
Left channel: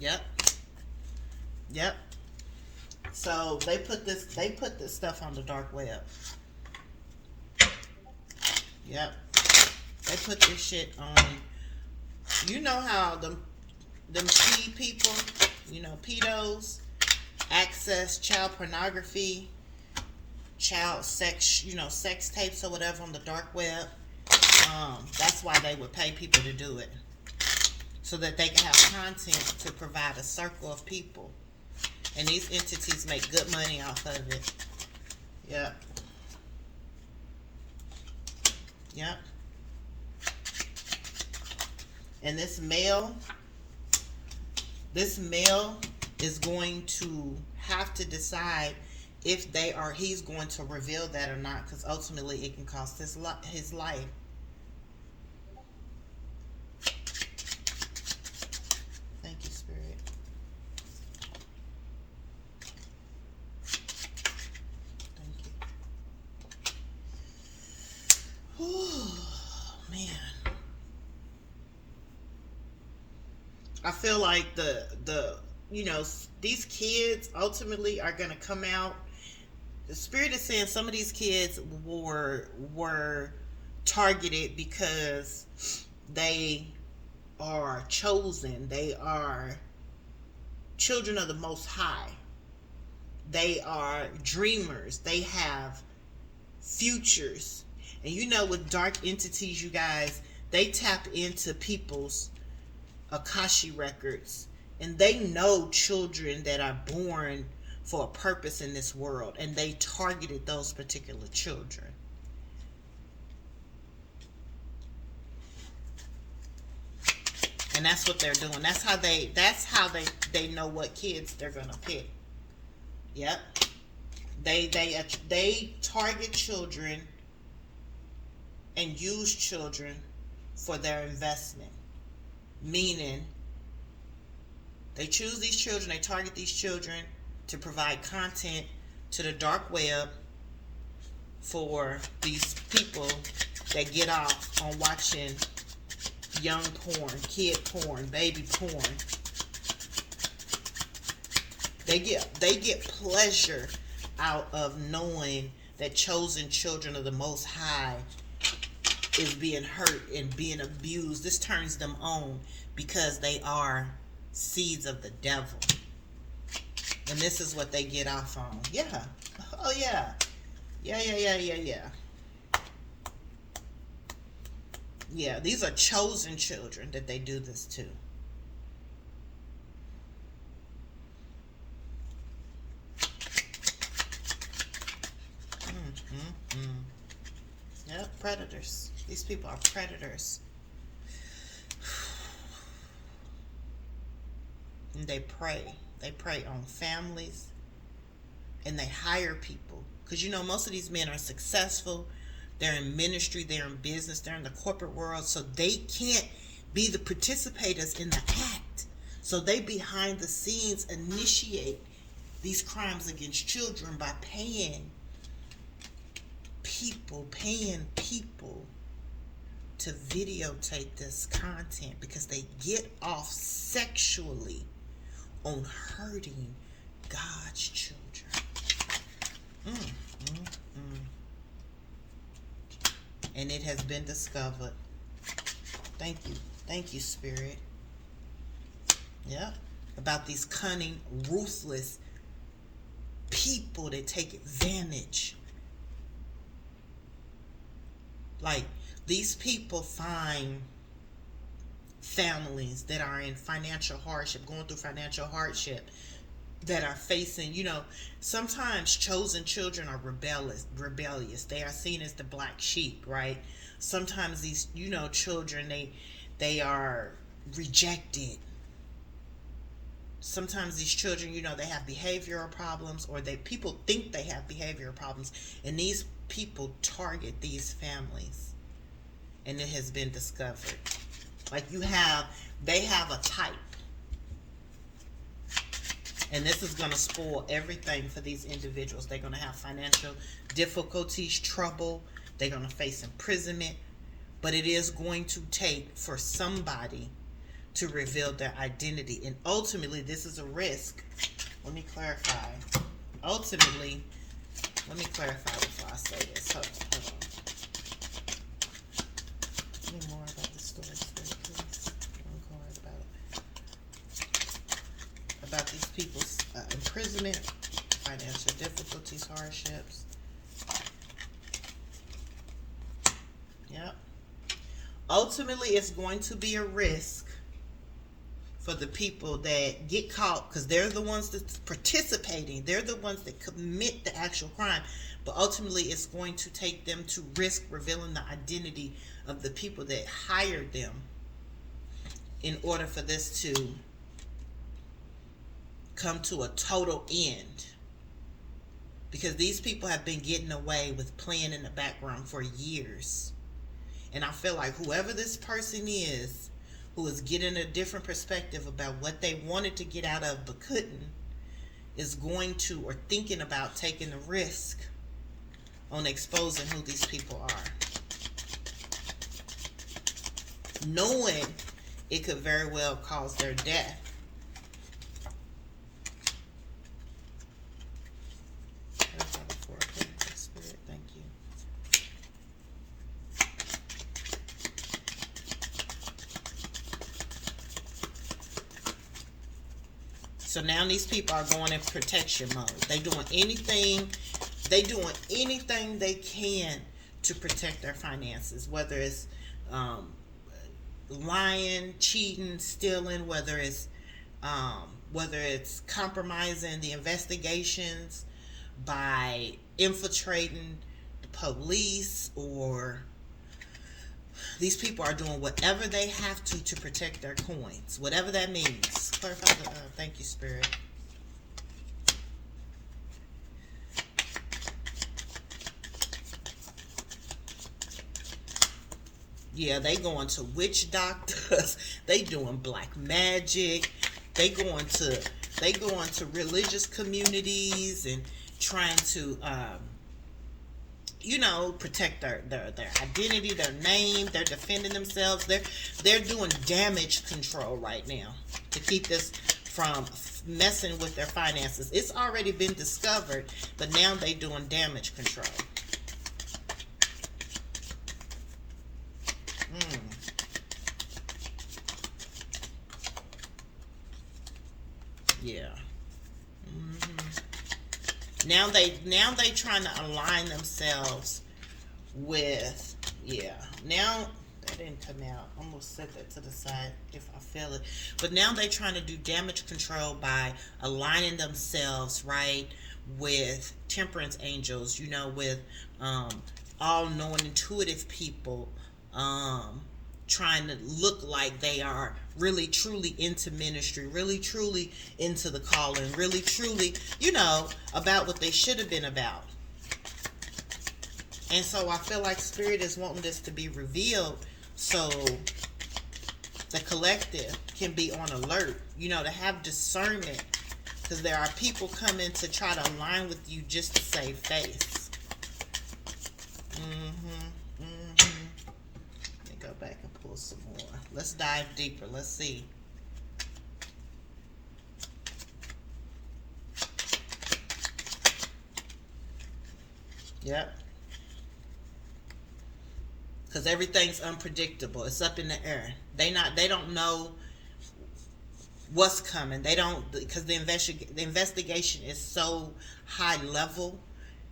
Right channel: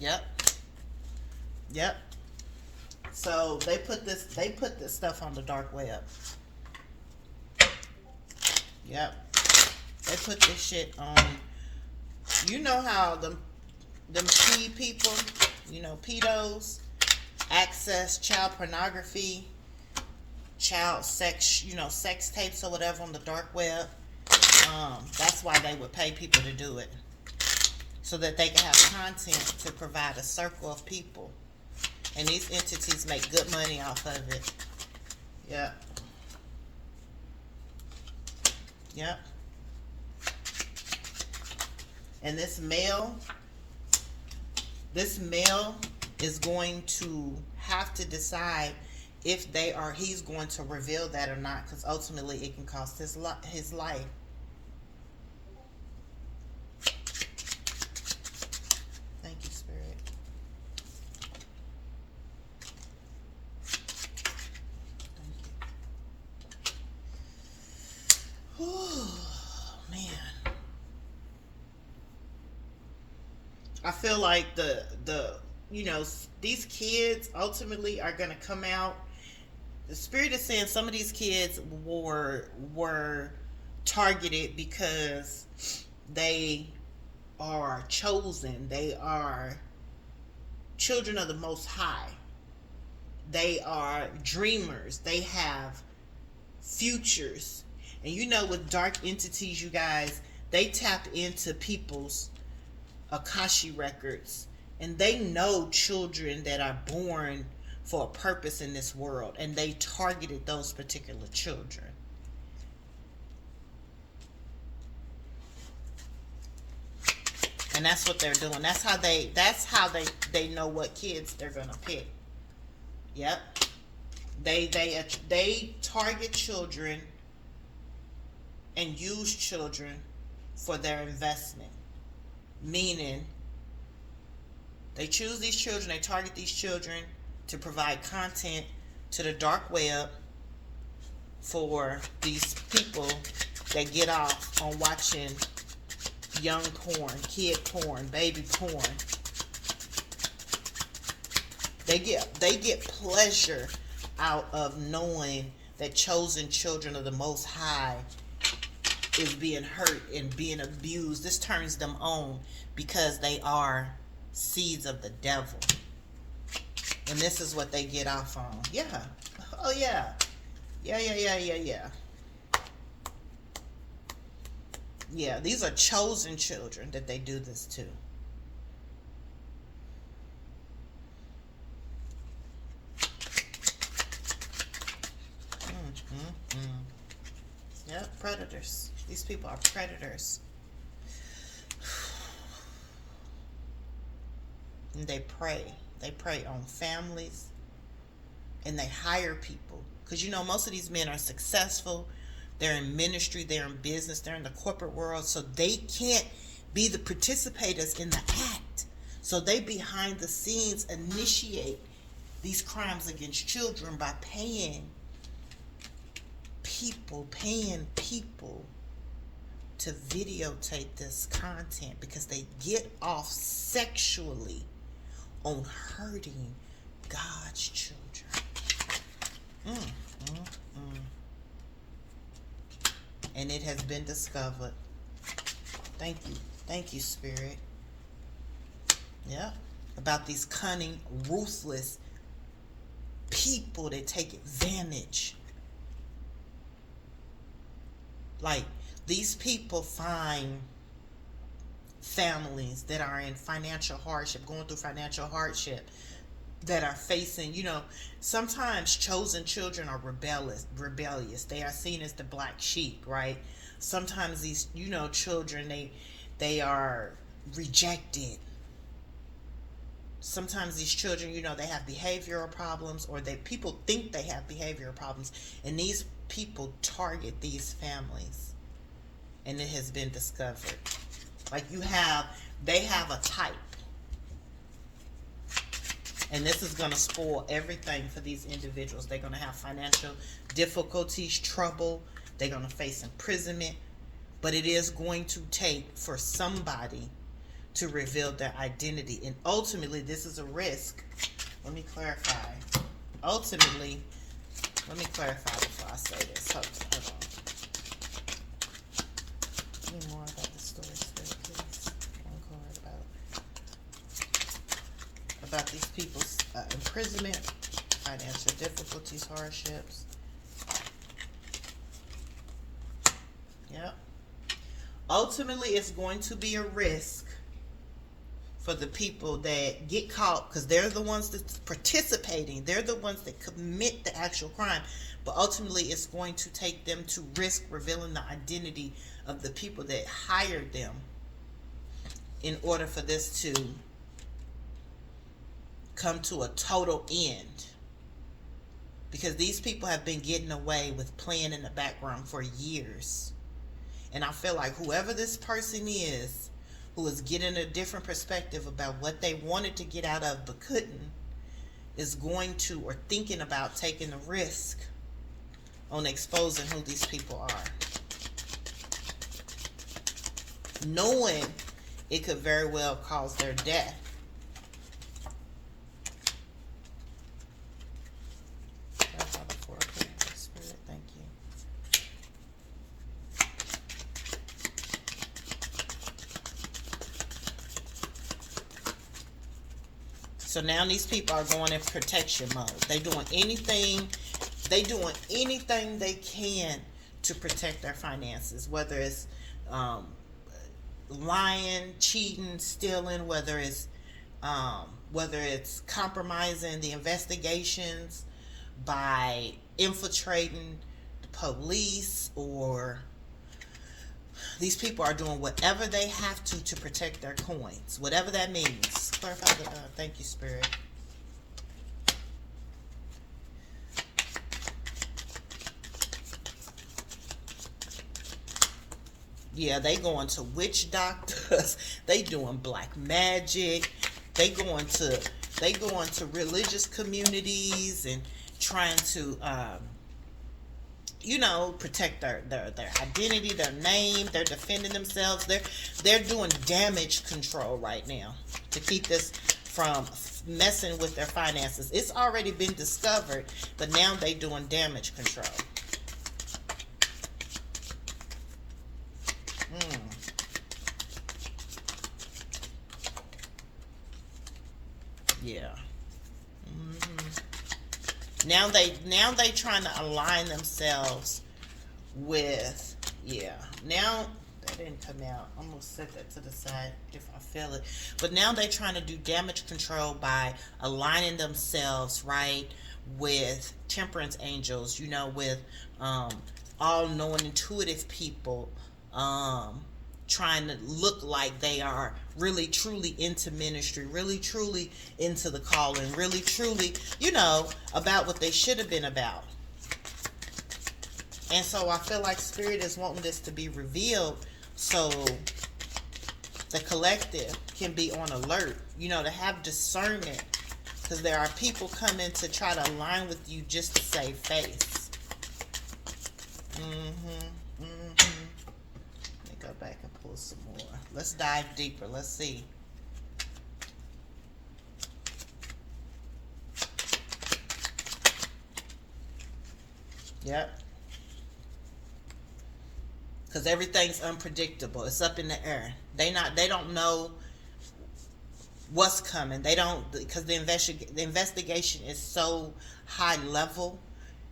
Yep. Yep. So they put this stuff on the dark web. Yep. They put this shit on. You know how them people, pedos, access child pornography, child sex, sex tapes or whatever on the dark web. That's why they would pay people to do it, so that they can have content to provide a circle of people. And these entities make good money off of it. Yeah. Yeah. And this male is going to have to decide if he's going to reveal that or not, because ultimately it can cost his life. Thank you, Spirit. Oh, man. I feel like these kids ultimately are going to come out. The Spirit is saying some of these kids were targeted because they are chosen. They are children of the Most High. They are dreamers. They have futures. And with dark entities, you guys, they tap into people's Akashic records, and they know children that are born for a purpose in this world, and they targeted those particular children. And that's what they're doing. That's how they know what kids they're gonna pick. Yep. They target children and use children for their investment. Meaning, they choose these children, they target these children to provide content to the dark web for these people that get off on watching young porn, kid porn, baby porn. They get pleasure out of knowing that chosen children of the Most High is being hurt and being abused. This turns them on because they are seeds of the devil. And this is what they get off on. Yeah. Oh, yeah. Yeah. Yeah, these are chosen children that they do this to. predators. These people are predators. And they prey. They prey on families. And they hire people. Because you know, most of these men are successful. They're in ministry. They're in business. They're in the corporate world. So they can't be the participators in the act. So they behind the scenes initiate these crimes against children by paying people to videotape this content because they get off sexually on hurting God's children. And it has been discovered. Thank you, Spirit. Yeah, about these cunning, ruthless people that take advantage. Like, these people find families that are in financial hardship, going through financial hardship, that are facing, you know, sometimes chosen children are rebellious. They are seen as the black sheep, right? Sometimes these, you know, children, they are rejected. Sometimes these children, you know, they have behavioral problems, or people think they have behavioral problems, and these people target these families. And it has been discovered. Like, they have a type. And this is going to spoil everything for these individuals. They're going to have financial difficulties, trouble. They're going to face imprisonment. But it is going to take for somebody to reveal their identity. And ultimately, this is a risk. Let me clarify. Ultimately, let me clarify before I say this. Hold on. Tell me more about the story, please. One card about these people's imprisonment, financial difficulties, hardships. Yep. Ultimately, it's going to be a risk for the people that get caught, because they're the ones that's participating. They're the ones that commit the actual crime. But ultimately, it's going to take them to risk revealing the identity of the people that hired them in order for this to come to a total end. Because these people have been getting away with playing in the background for years. And I feel like whoever this person is, who is getting a different perspective about what they wanted to get out of but couldn't, is going to, or thinking about taking the risk on exposing who these people are, knowing it could very well cause their death. Thank you. So now these people are going in protection mode. They doing anything they can to protect their finances, whether it's lying, cheating, stealing, whether it's compromising the investigations by infiltrating the police, or these people are doing whatever they have to protect their coins, whatever that means. Thank you, Spirit. Yeah, they going to witch doctors. They doing black magic. They going to religious communities and trying to protect their identity, their name. They're defending themselves. They're doing damage control right now to keep this from messing with their finances. It's already been discovered, but now they're doing damage control. Yeah. Now they trying to align themselves with, now that didn't come out. I'm gonna set that to the side if I feel it. But now they're trying to do damage control by aligning themselves, right, with temperance angels, with all-knowing, intuitive people, trying to look like they are really truly into ministry, really truly into the calling, really truly, about what they should have been about. And so I feel like Spirit is wanting this to be revealed so the collective can be on alert, to have discernment, because there are people coming to try to align with you just to save face. Let me go back and pull some more. Let's dive deeper. Let's see. Yep. Because everything's unpredictable. It's up in the air. They don't know what's coming. They don't, because the investigation is so high level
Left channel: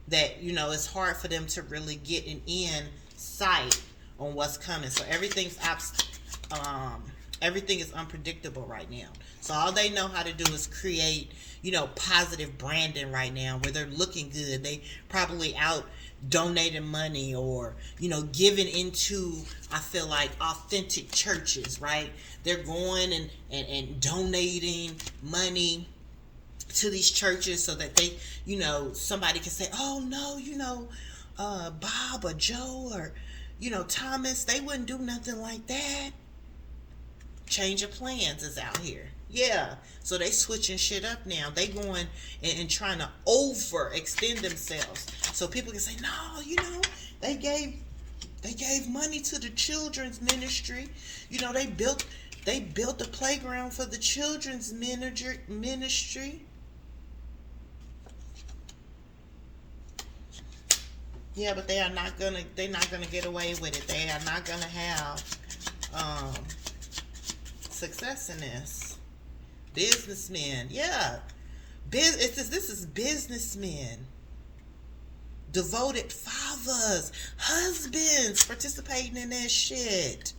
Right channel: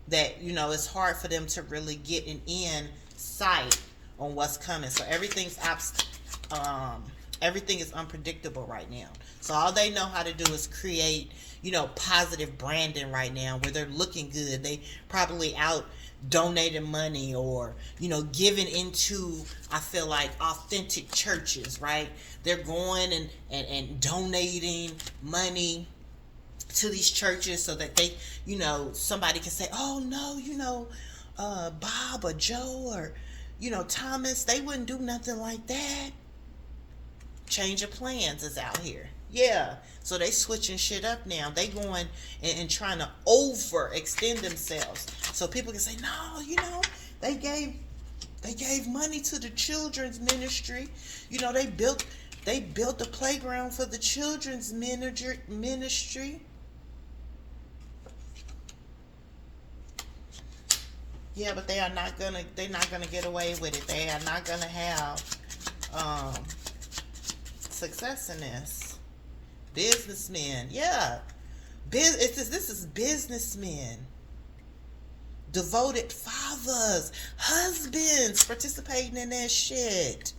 that it's hard for them to really get an insight on what's coming. So everything is unpredictable right now. So all they know how to do is create positive branding right now, where they're looking good. They probably out donating money or giving into, I feel like, authentic churches, right? They're going and donating money to these churches so that they somebody can say, oh no, Bob or Joe or Thomas, they wouldn't do nothing like that. Change of plans is out here. Yeah. So they switching shit up now. They going and trying to overextend themselves. So people can say, no, they gave money to the children's ministry. They built a playground for the children's ministry. Yeah, but they're not gonna get away with it. They are not gonna have success in this. Businessmen, yeah. This is businessmen. Devoted fathers, husbands participating in that shit.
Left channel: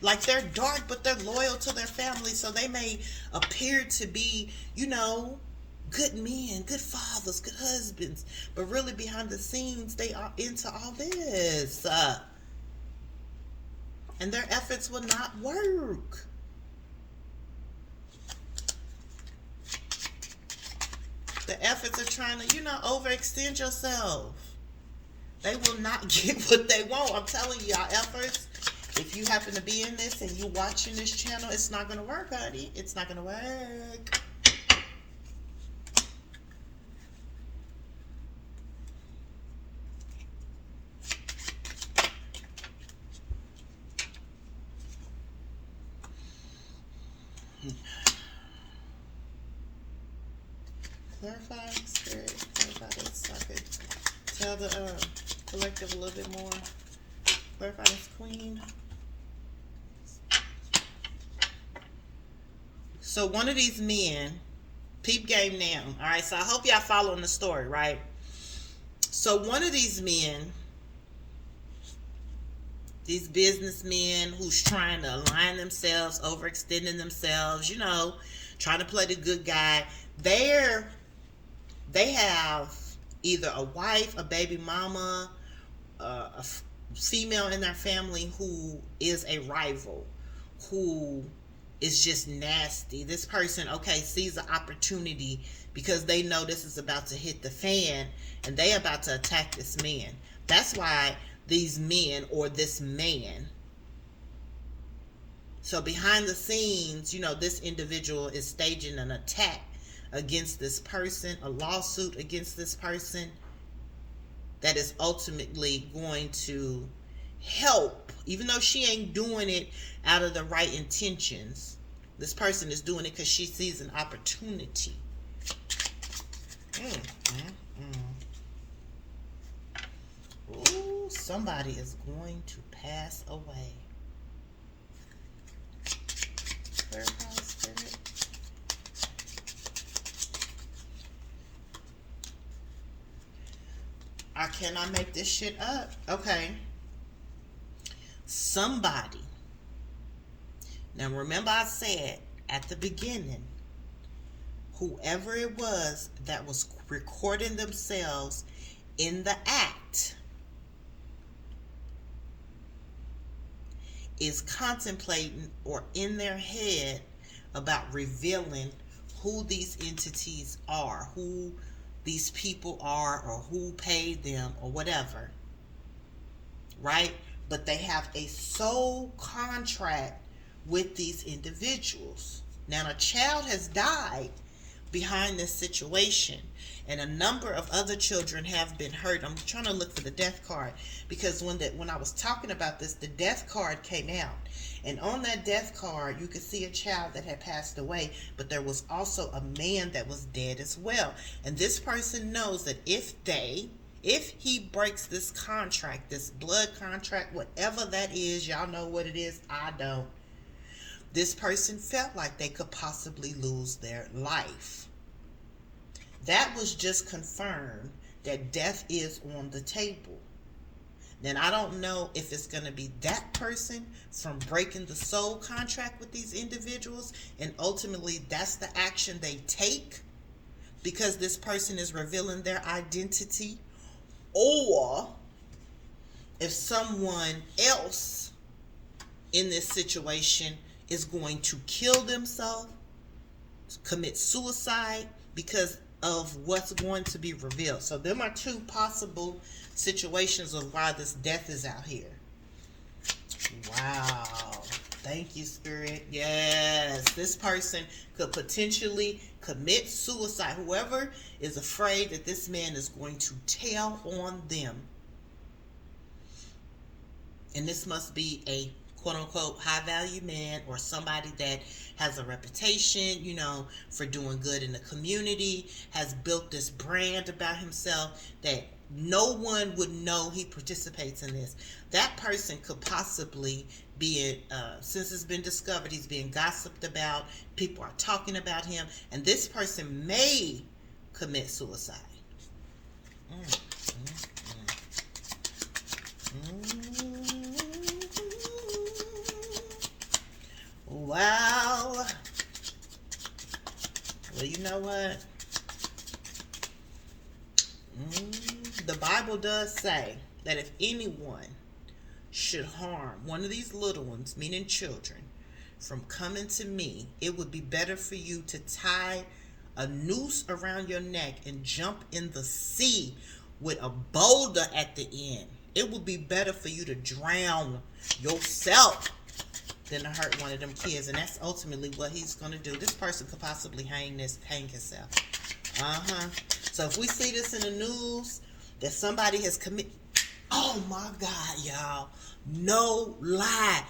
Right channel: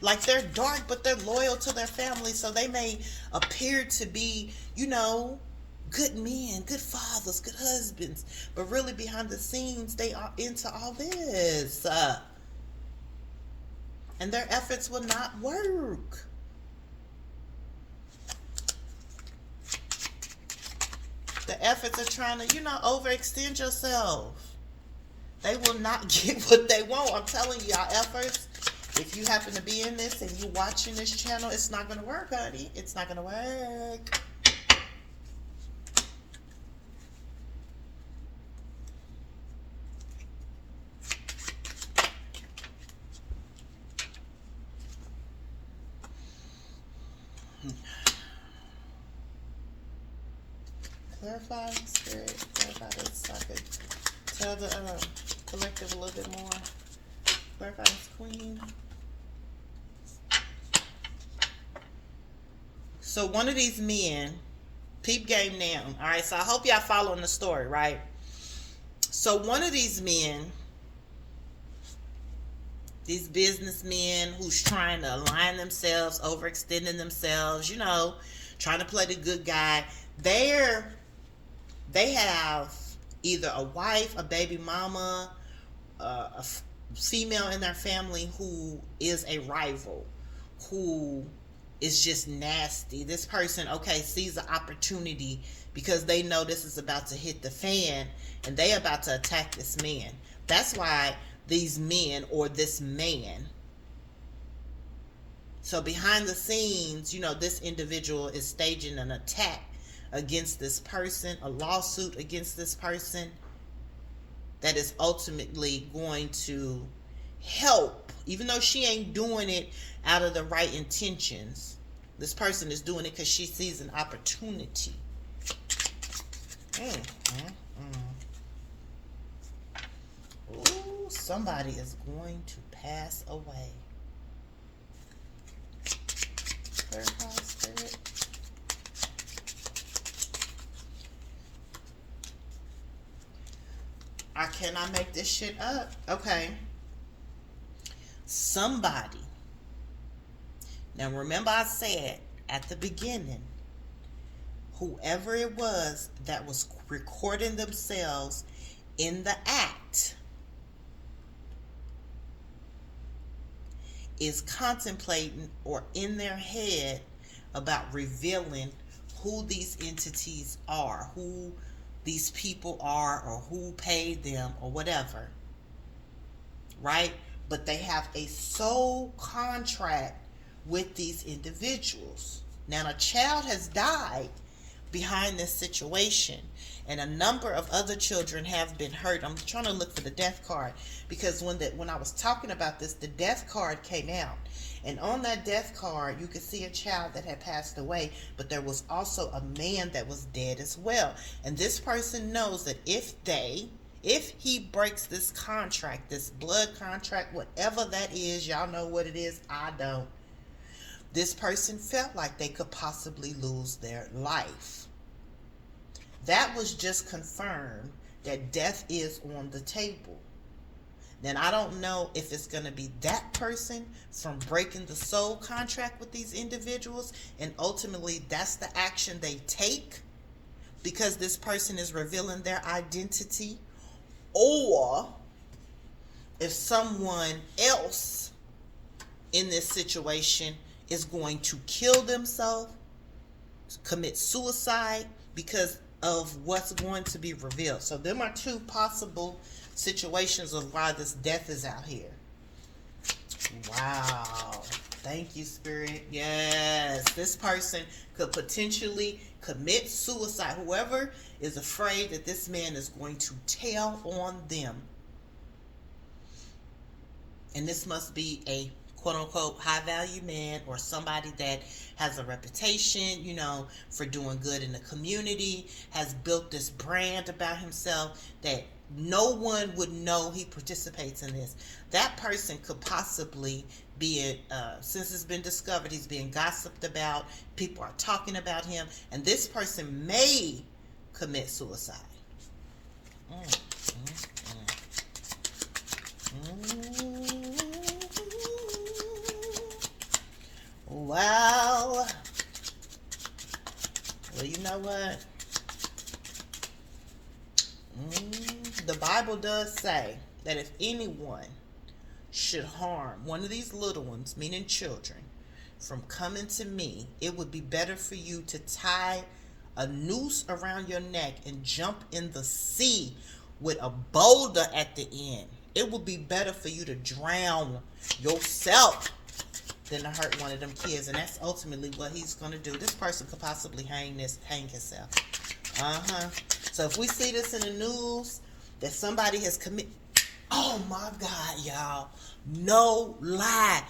Like, they're dark, but they're loyal to their family, so they may appear to be, good men, good fathers, good husbands, but really behind the scenes, they are into all this. And their efforts will not work. The efforts are trying to, overextend yourself. They will not get what they want. I'm telling you, y'all efforts, if you happen to be in this and you watching this channel, it's not going to work, honey. It's not going to work. Clarify, Spirit, clarify this so I could tell the collective a little bit more. Clarify this, Queen. So one of these men, peep game now. All right, so I hope y'all following the story, right? So one of these men, these businessmen who's trying to align themselves, overextending themselves, trying to play the good guy, they have either a wife, a baby mama, a female in their family who is a rival, who is just nasty. This person, sees an opportunity because they know this is about to hit the fan and they about to attack this man. That's why these men, or this man, so behind the scenes, this individual is staging an attack against this person, a lawsuit against this person that is ultimately going to help, even though she ain't doing it out of the right intentions. This person is doing it because she sees an opportunity. Ooh, somebody is going to pass away. Spirit. I cannot make this shit up. Okay. Somebody. Now remember I said at the beginning, whoever it was that was recording themselves in the act is contemplating or in their head about revealing who these entities are, who these people are, or who paid them, or whatever, right? But they have a soul contract with these individuals. Now, a child has died behind this situation, and a number of other children have been hurt. I'm trying to look for the death card, because when I was talking about this, the death card came out, and on that death card you could see a child that had passed away, but there was also a man that was dead as well. And this person knows that if he breaks this contract, this blood contract, whatever that is, y'all know what it is, I don't, this person felt like they could possibly lose their life. That was just confirmed that death is on the table. Then I don't know if it's going to be that person from breaking the soul contract with these individuals, and ultimately that's the action they take because this person is revealing their identity, or if someone else in this situation is going to kill themselves, commit suicide because of what's going to be revealed. So there are two possible situations of why this death is out here. Wow. Thank you, Spirit. Yes, this person could potentially commit suicide. Whoever is afraid that this man is going to tell on them. And this must be a quote-unquote high-value man, or somebody that has a reputation, for doing good in the community, has built this brand about himself that no one would know he participates in this. That person could possibly be, since it's been discovered, he's being gossiped about, people are talking about him, and this person may commit suicide. Well, you know what? The Bible does say that if anyone should harm one of these little ones, meaning children, from coming to me, it would be better for you to tie a noose around your neck and jump in the sea with a boulder at the end. It would be better for you to drown yourself than to hurt one of them kids. And that's ultimately what he's going to do. This person could possibly hang himself. So if we see this in the news that somebody has committed, oh my God, y'all, no lie.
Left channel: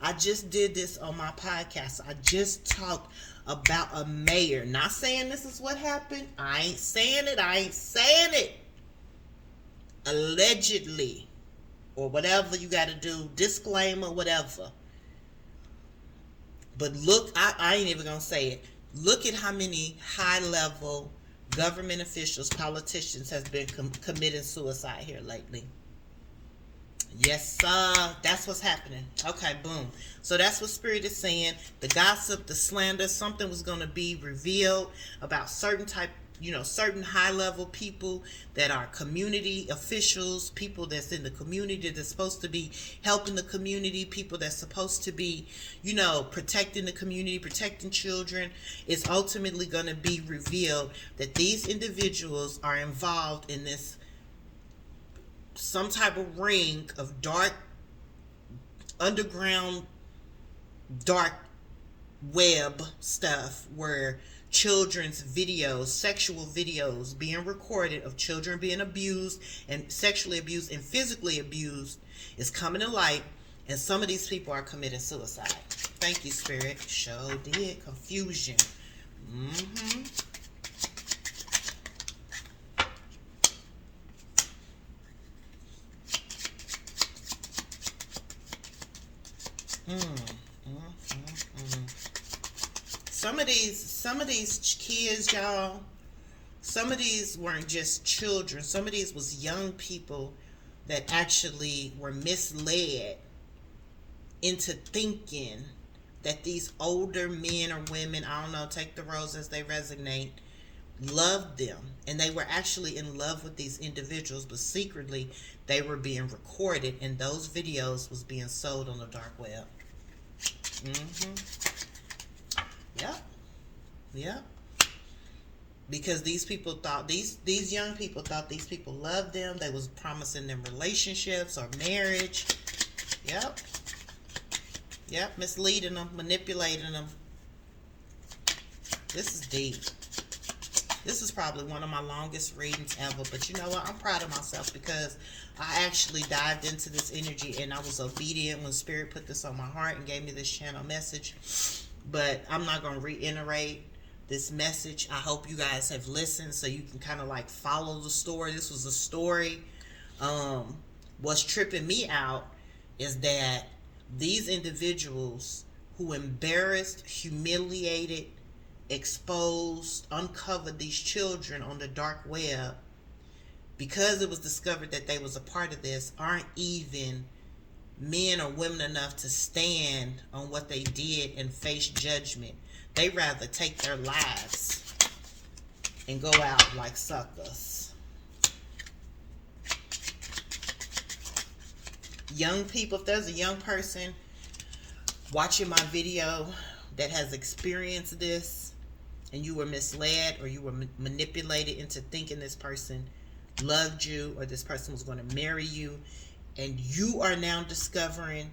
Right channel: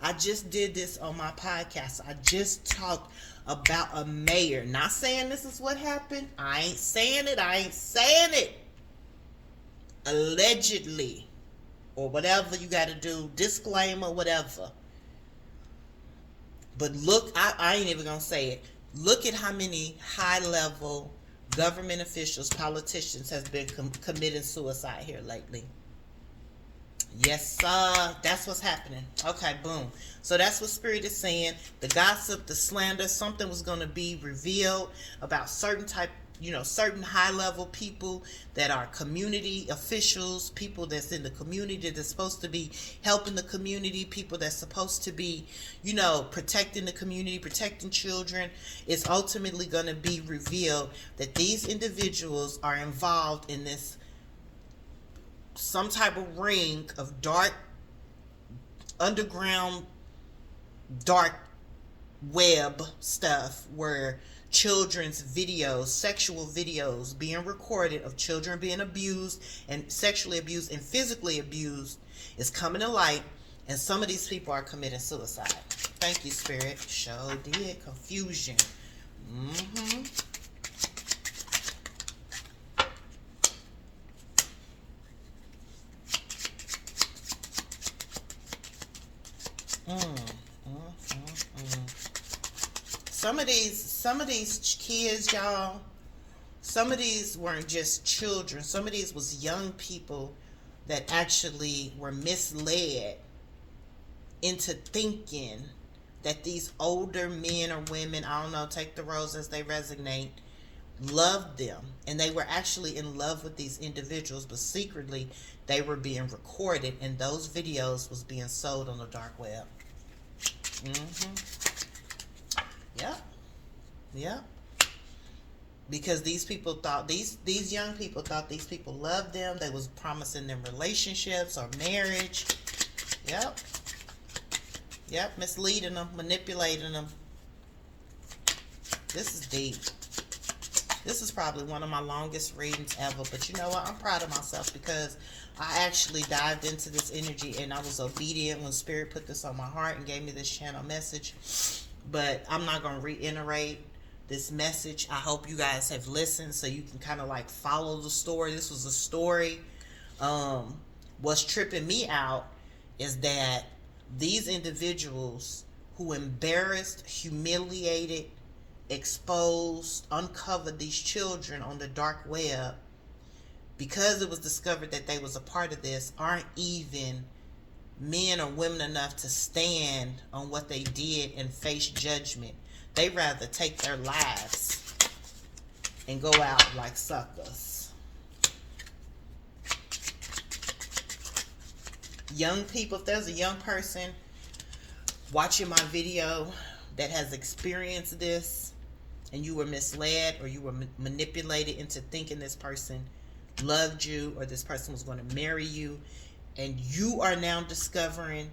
I just did this on my podcast. I just talked about a mayor. Not saying this is what happened. I ain't saying it. Allegedly, or whatever you got to do, disclaimer, whatever. But look, I ain't even going to say it. Look at how many high-level government officials, politicians has been committing suicide here lately. Yes, sir. That's what's happening. Okay, boom. So that's what Spirit is saying. The gossip, the slander, something was going to be revealed about certain high-level people that are community officials, people that's in the community that's supposed to be helping the community, people that's supposed to be, protecting the community, protecting children. It's ultimately going to be revealed that these individuals are involved in this some type of ring of dark, underground, dark web stuff where children's videos, sexual videos being recorded of children being abused and sexually abused and physically abused is coming to light, and some of these people are committing suicide. Thank you, Spirit. Show did. Confusion. Some of these kids, y'all, some of these weren't just children. Some of these was young people that actually were misled into thinking that these older men or women, I don't know, take the roles as they resonate, loved them, and they were actually in love with these individuals, but secretly they were being recorded, and those videos was being sold on the dark web. Yep. Yep. Because these people thought, these young people thought these people loved them. They was promising them relationships or marriage. Yep. Yep. Misleading them, manipulating them. This is deep. This is probably one of my longest readings ever. But you know what? I'm proud of myself because I actually dived into this energy and I was obedient when Spirit put this on my heart and gave me this channel message. But I'm not going to reiterate this message. I hope you guys have listened so you can kind of like follow the story. This was a story. What's tripping me out is that these individuals who embarrassed, humiliated, exposed, uncovered these children on the dark web, because it was discovered that they was a part of this, aren't even men or women enough to stand on what they did and face judgment. They rather take their lives and go out like suckers. Young people, if there's a young person watching my video that has experienced this and you were misled or you were manipulated into thinking this person loved you or this person was going to marry you, and you are now discovering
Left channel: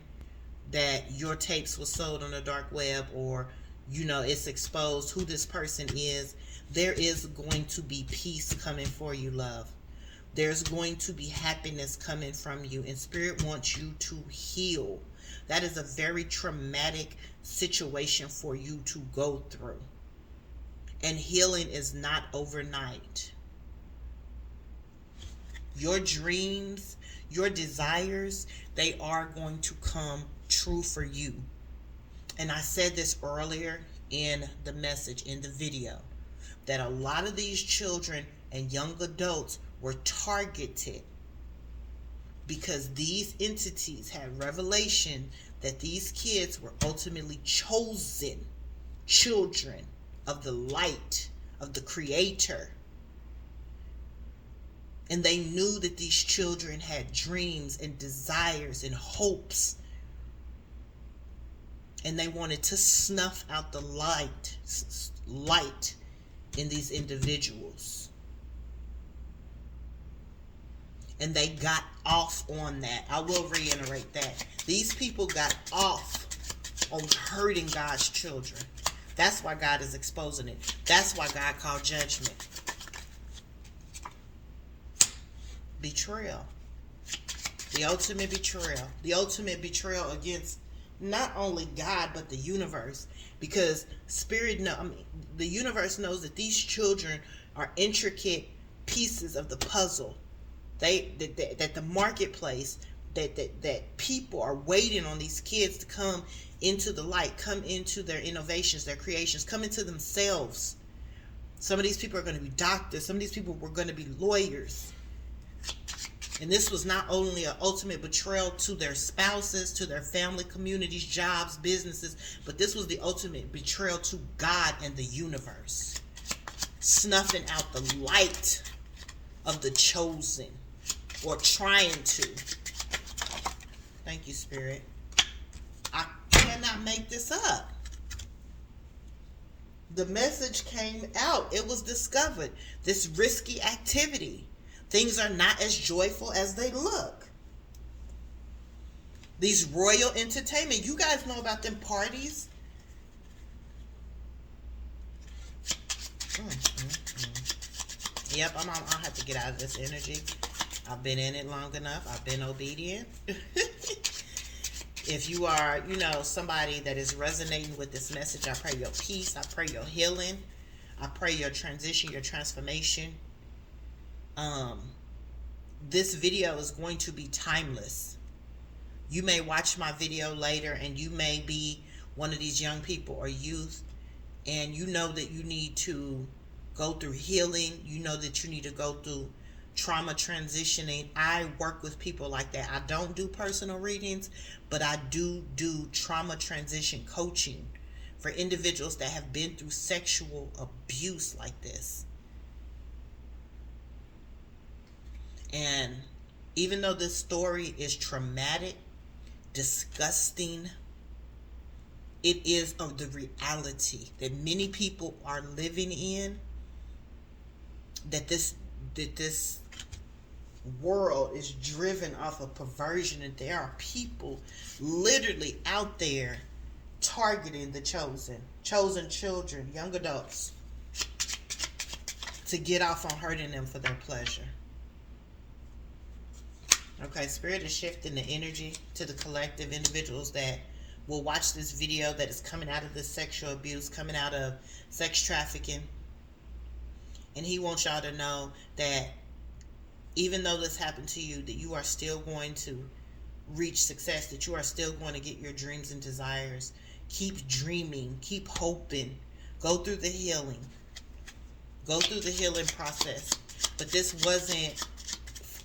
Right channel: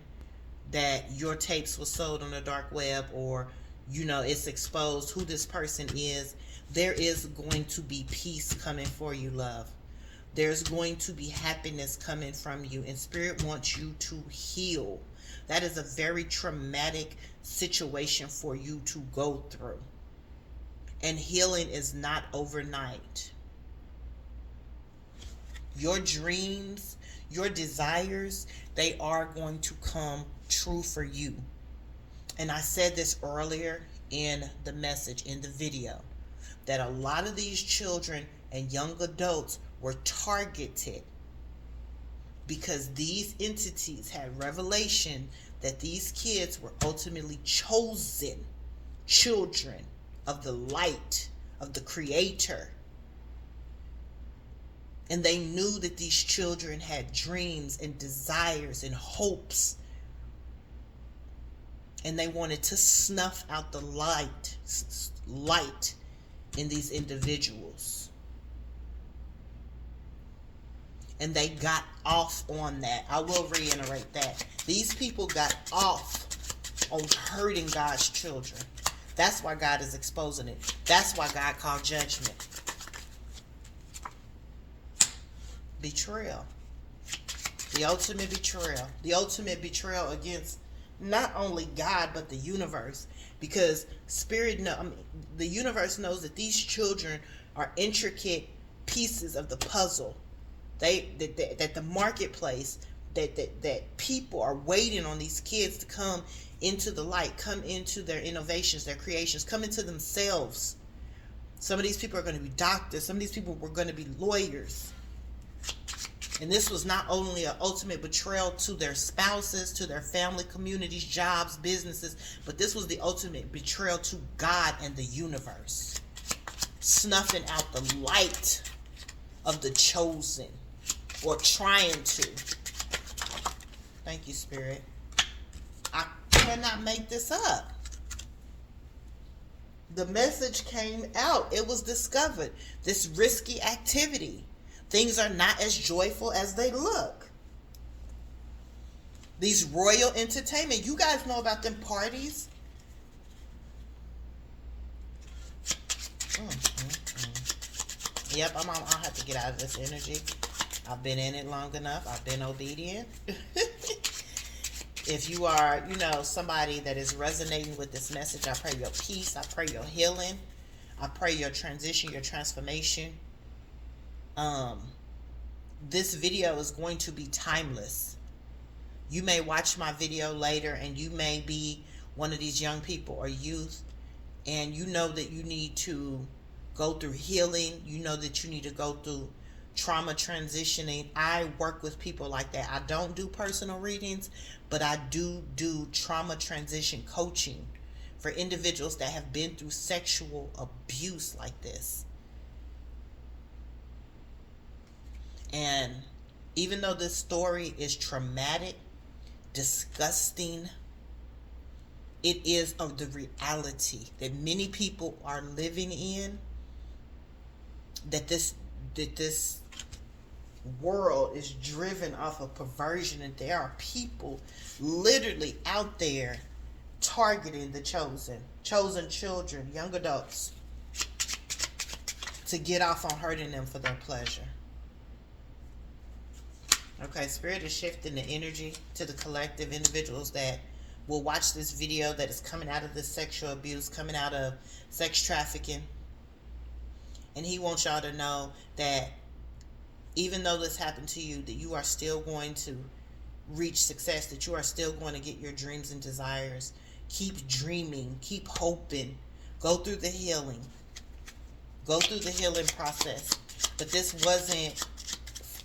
that your tapes were sold on the dark web, or you know it's exposed who this person is, there is going to be peace coming for you, love. There's going to be happiness coming from you, and Spirit wants you to heal. That is a very traumatic situation for you to go through, and healing is not overnight. Your dreams, your desires, they are going to come true for you. And I said this earlier in the message, in the video, that a lot of these children and young adults were targeted because these entities had revelation that these kids were ultimately chosen children of the light, of the Creator. And they knew that these children had dreams and desires and hopes. And they wanted to snuff out the light in these individuals. And they got off on that. I will reiterate that. These people got off on hurting God's children. That's why God is exposing it. That's why God called judgment. Betrayal. The ultimate betrayal. The ultimate betrayal against not only God but the universe, because the universe knows that these children are intricate pieces of the puzzle. That the marketplace, that people are waiting on these kids to come into the light, come into their innovations, their creations, come into themselves. Some of these people are going to be doctors. Some of these people were going to be lawyers. And this was not only an ultimate betrayal to their spouses, to their family, communities, jobs, businesses, but this was the ultimate betrayal to God and the universe. Snuffing out the light of the chosen, or trying to. Thank you, Spirit. I cannot make this up. The message came out. It was discovered. This risky activity. Things are not as joyful as they look. These royal entertainment. You guys know about them parties? Yep, I'll have to get out of this energy. I've been in it long enough. I've been obedient. If you are, somebody that is resonating with this message, I pray your peace. I pray your healing. I pray your transition, your transformation. This video is going to be timeless. You may watch my video later and you may be one of these young people or youth, and you know that you need to go through healing. You know that you need to go through trauma transitioning. I work with people like that. I don't do personal readings, but I do trauma transition coaching for individuals that have been through sexual abuse like this. And even though this story is traumatic, disgusting, it is of the reality that many people are living in, that this world is driven off of perversion, and there are people literally out there targeting the chosen children, young adults, to get off on hurting them for their pleasure. Okay, Spirit is shifting the energy to the collective individuals that will watch this video, that is coming out of this sexual abuse, coming out of sex trafficking. And he wants y'all to know that even though this happened to you, that you are still going to reach success, that you are still going to get your dreams and desires. Keep dreaming, keep hoping, go through the healing process. But this wasn't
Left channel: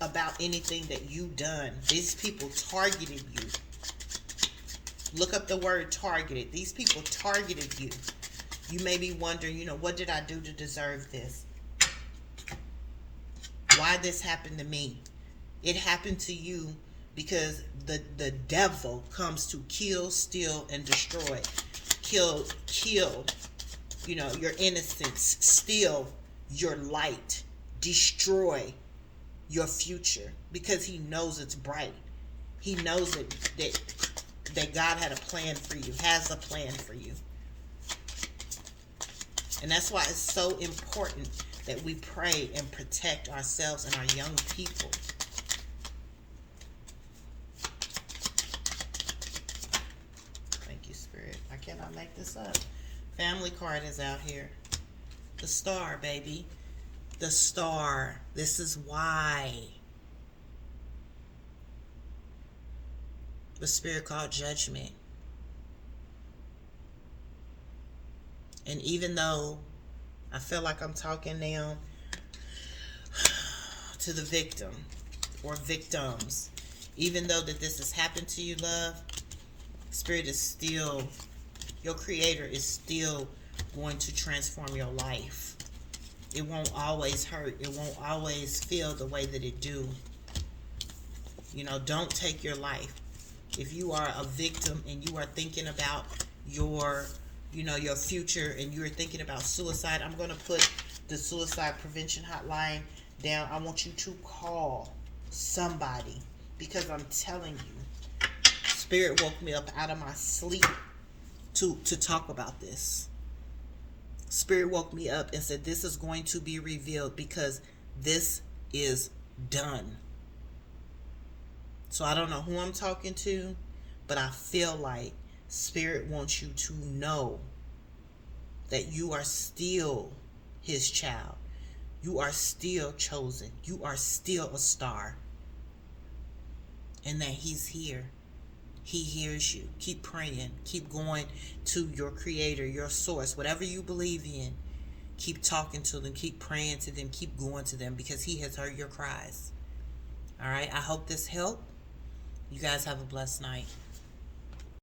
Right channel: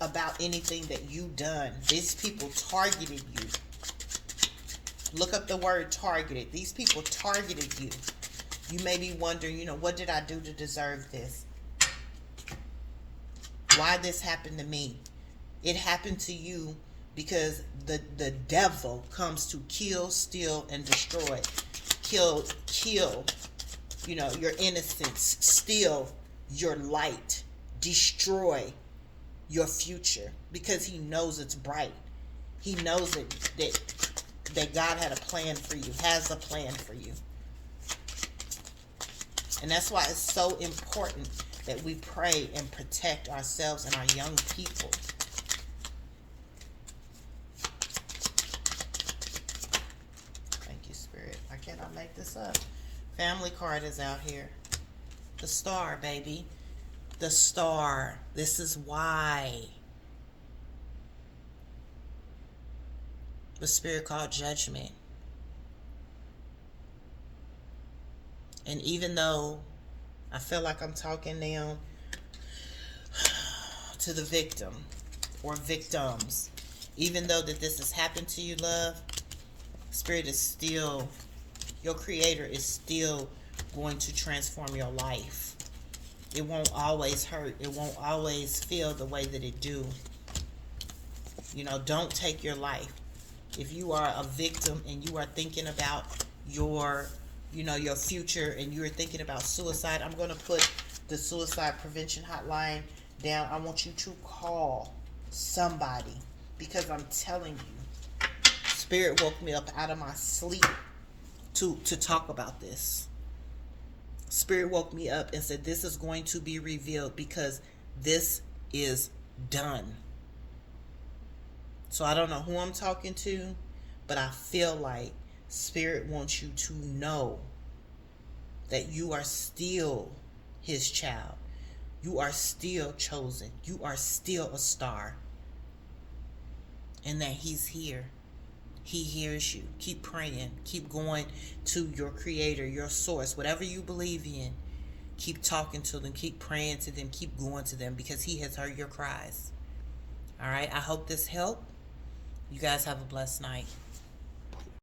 about anything that you done. These people targeted you. Look up the word targeted. These people targeted you. You may be wondering, what did I do to deserve this? Why this happened to me? It happened to you because the devil comes to kill, steal, and destroy. Kill, your innocence, steal your light, destroy your future, because he knows it's bright. He knows that God had a plan for you, has a plan for you. And that's why it's so important that we pray and protect ourselves and our young people. Thank you, Spirit. I cannot make this up. Family card is out here. The star, baby. The star. This is why the Spirit called judgment. And even though I feel like I'm talking now to the victim or victims, even though that this has happened to you, love, Spirit is still, your Creator is still going to transform your life. It won't always hurt. It won't always feel the way that it do. Don't take your life. If you are a victim and you are thinking about your future, and you're thinking about suicide, I'm going to put the suicide prevention hotline down. I want you to call somebody, because I'm telling you, Spirit woke me up out of my sleep to talk about this. Spirit woke me up and said, this is going to be revealed because this is done. So I don't know who I'm talking to, but I feel like Spirit wants you to know that you are still his child. You are still chosen. You are still a star. And that he's here. He hears you. Keep praying. Keep going to your Creator, your source, whatever you believe in. Keep talking to them. Keep praying to them. Keep going to them, because he has heard your cries. All right. I hope this helped. You guys have a blessed night.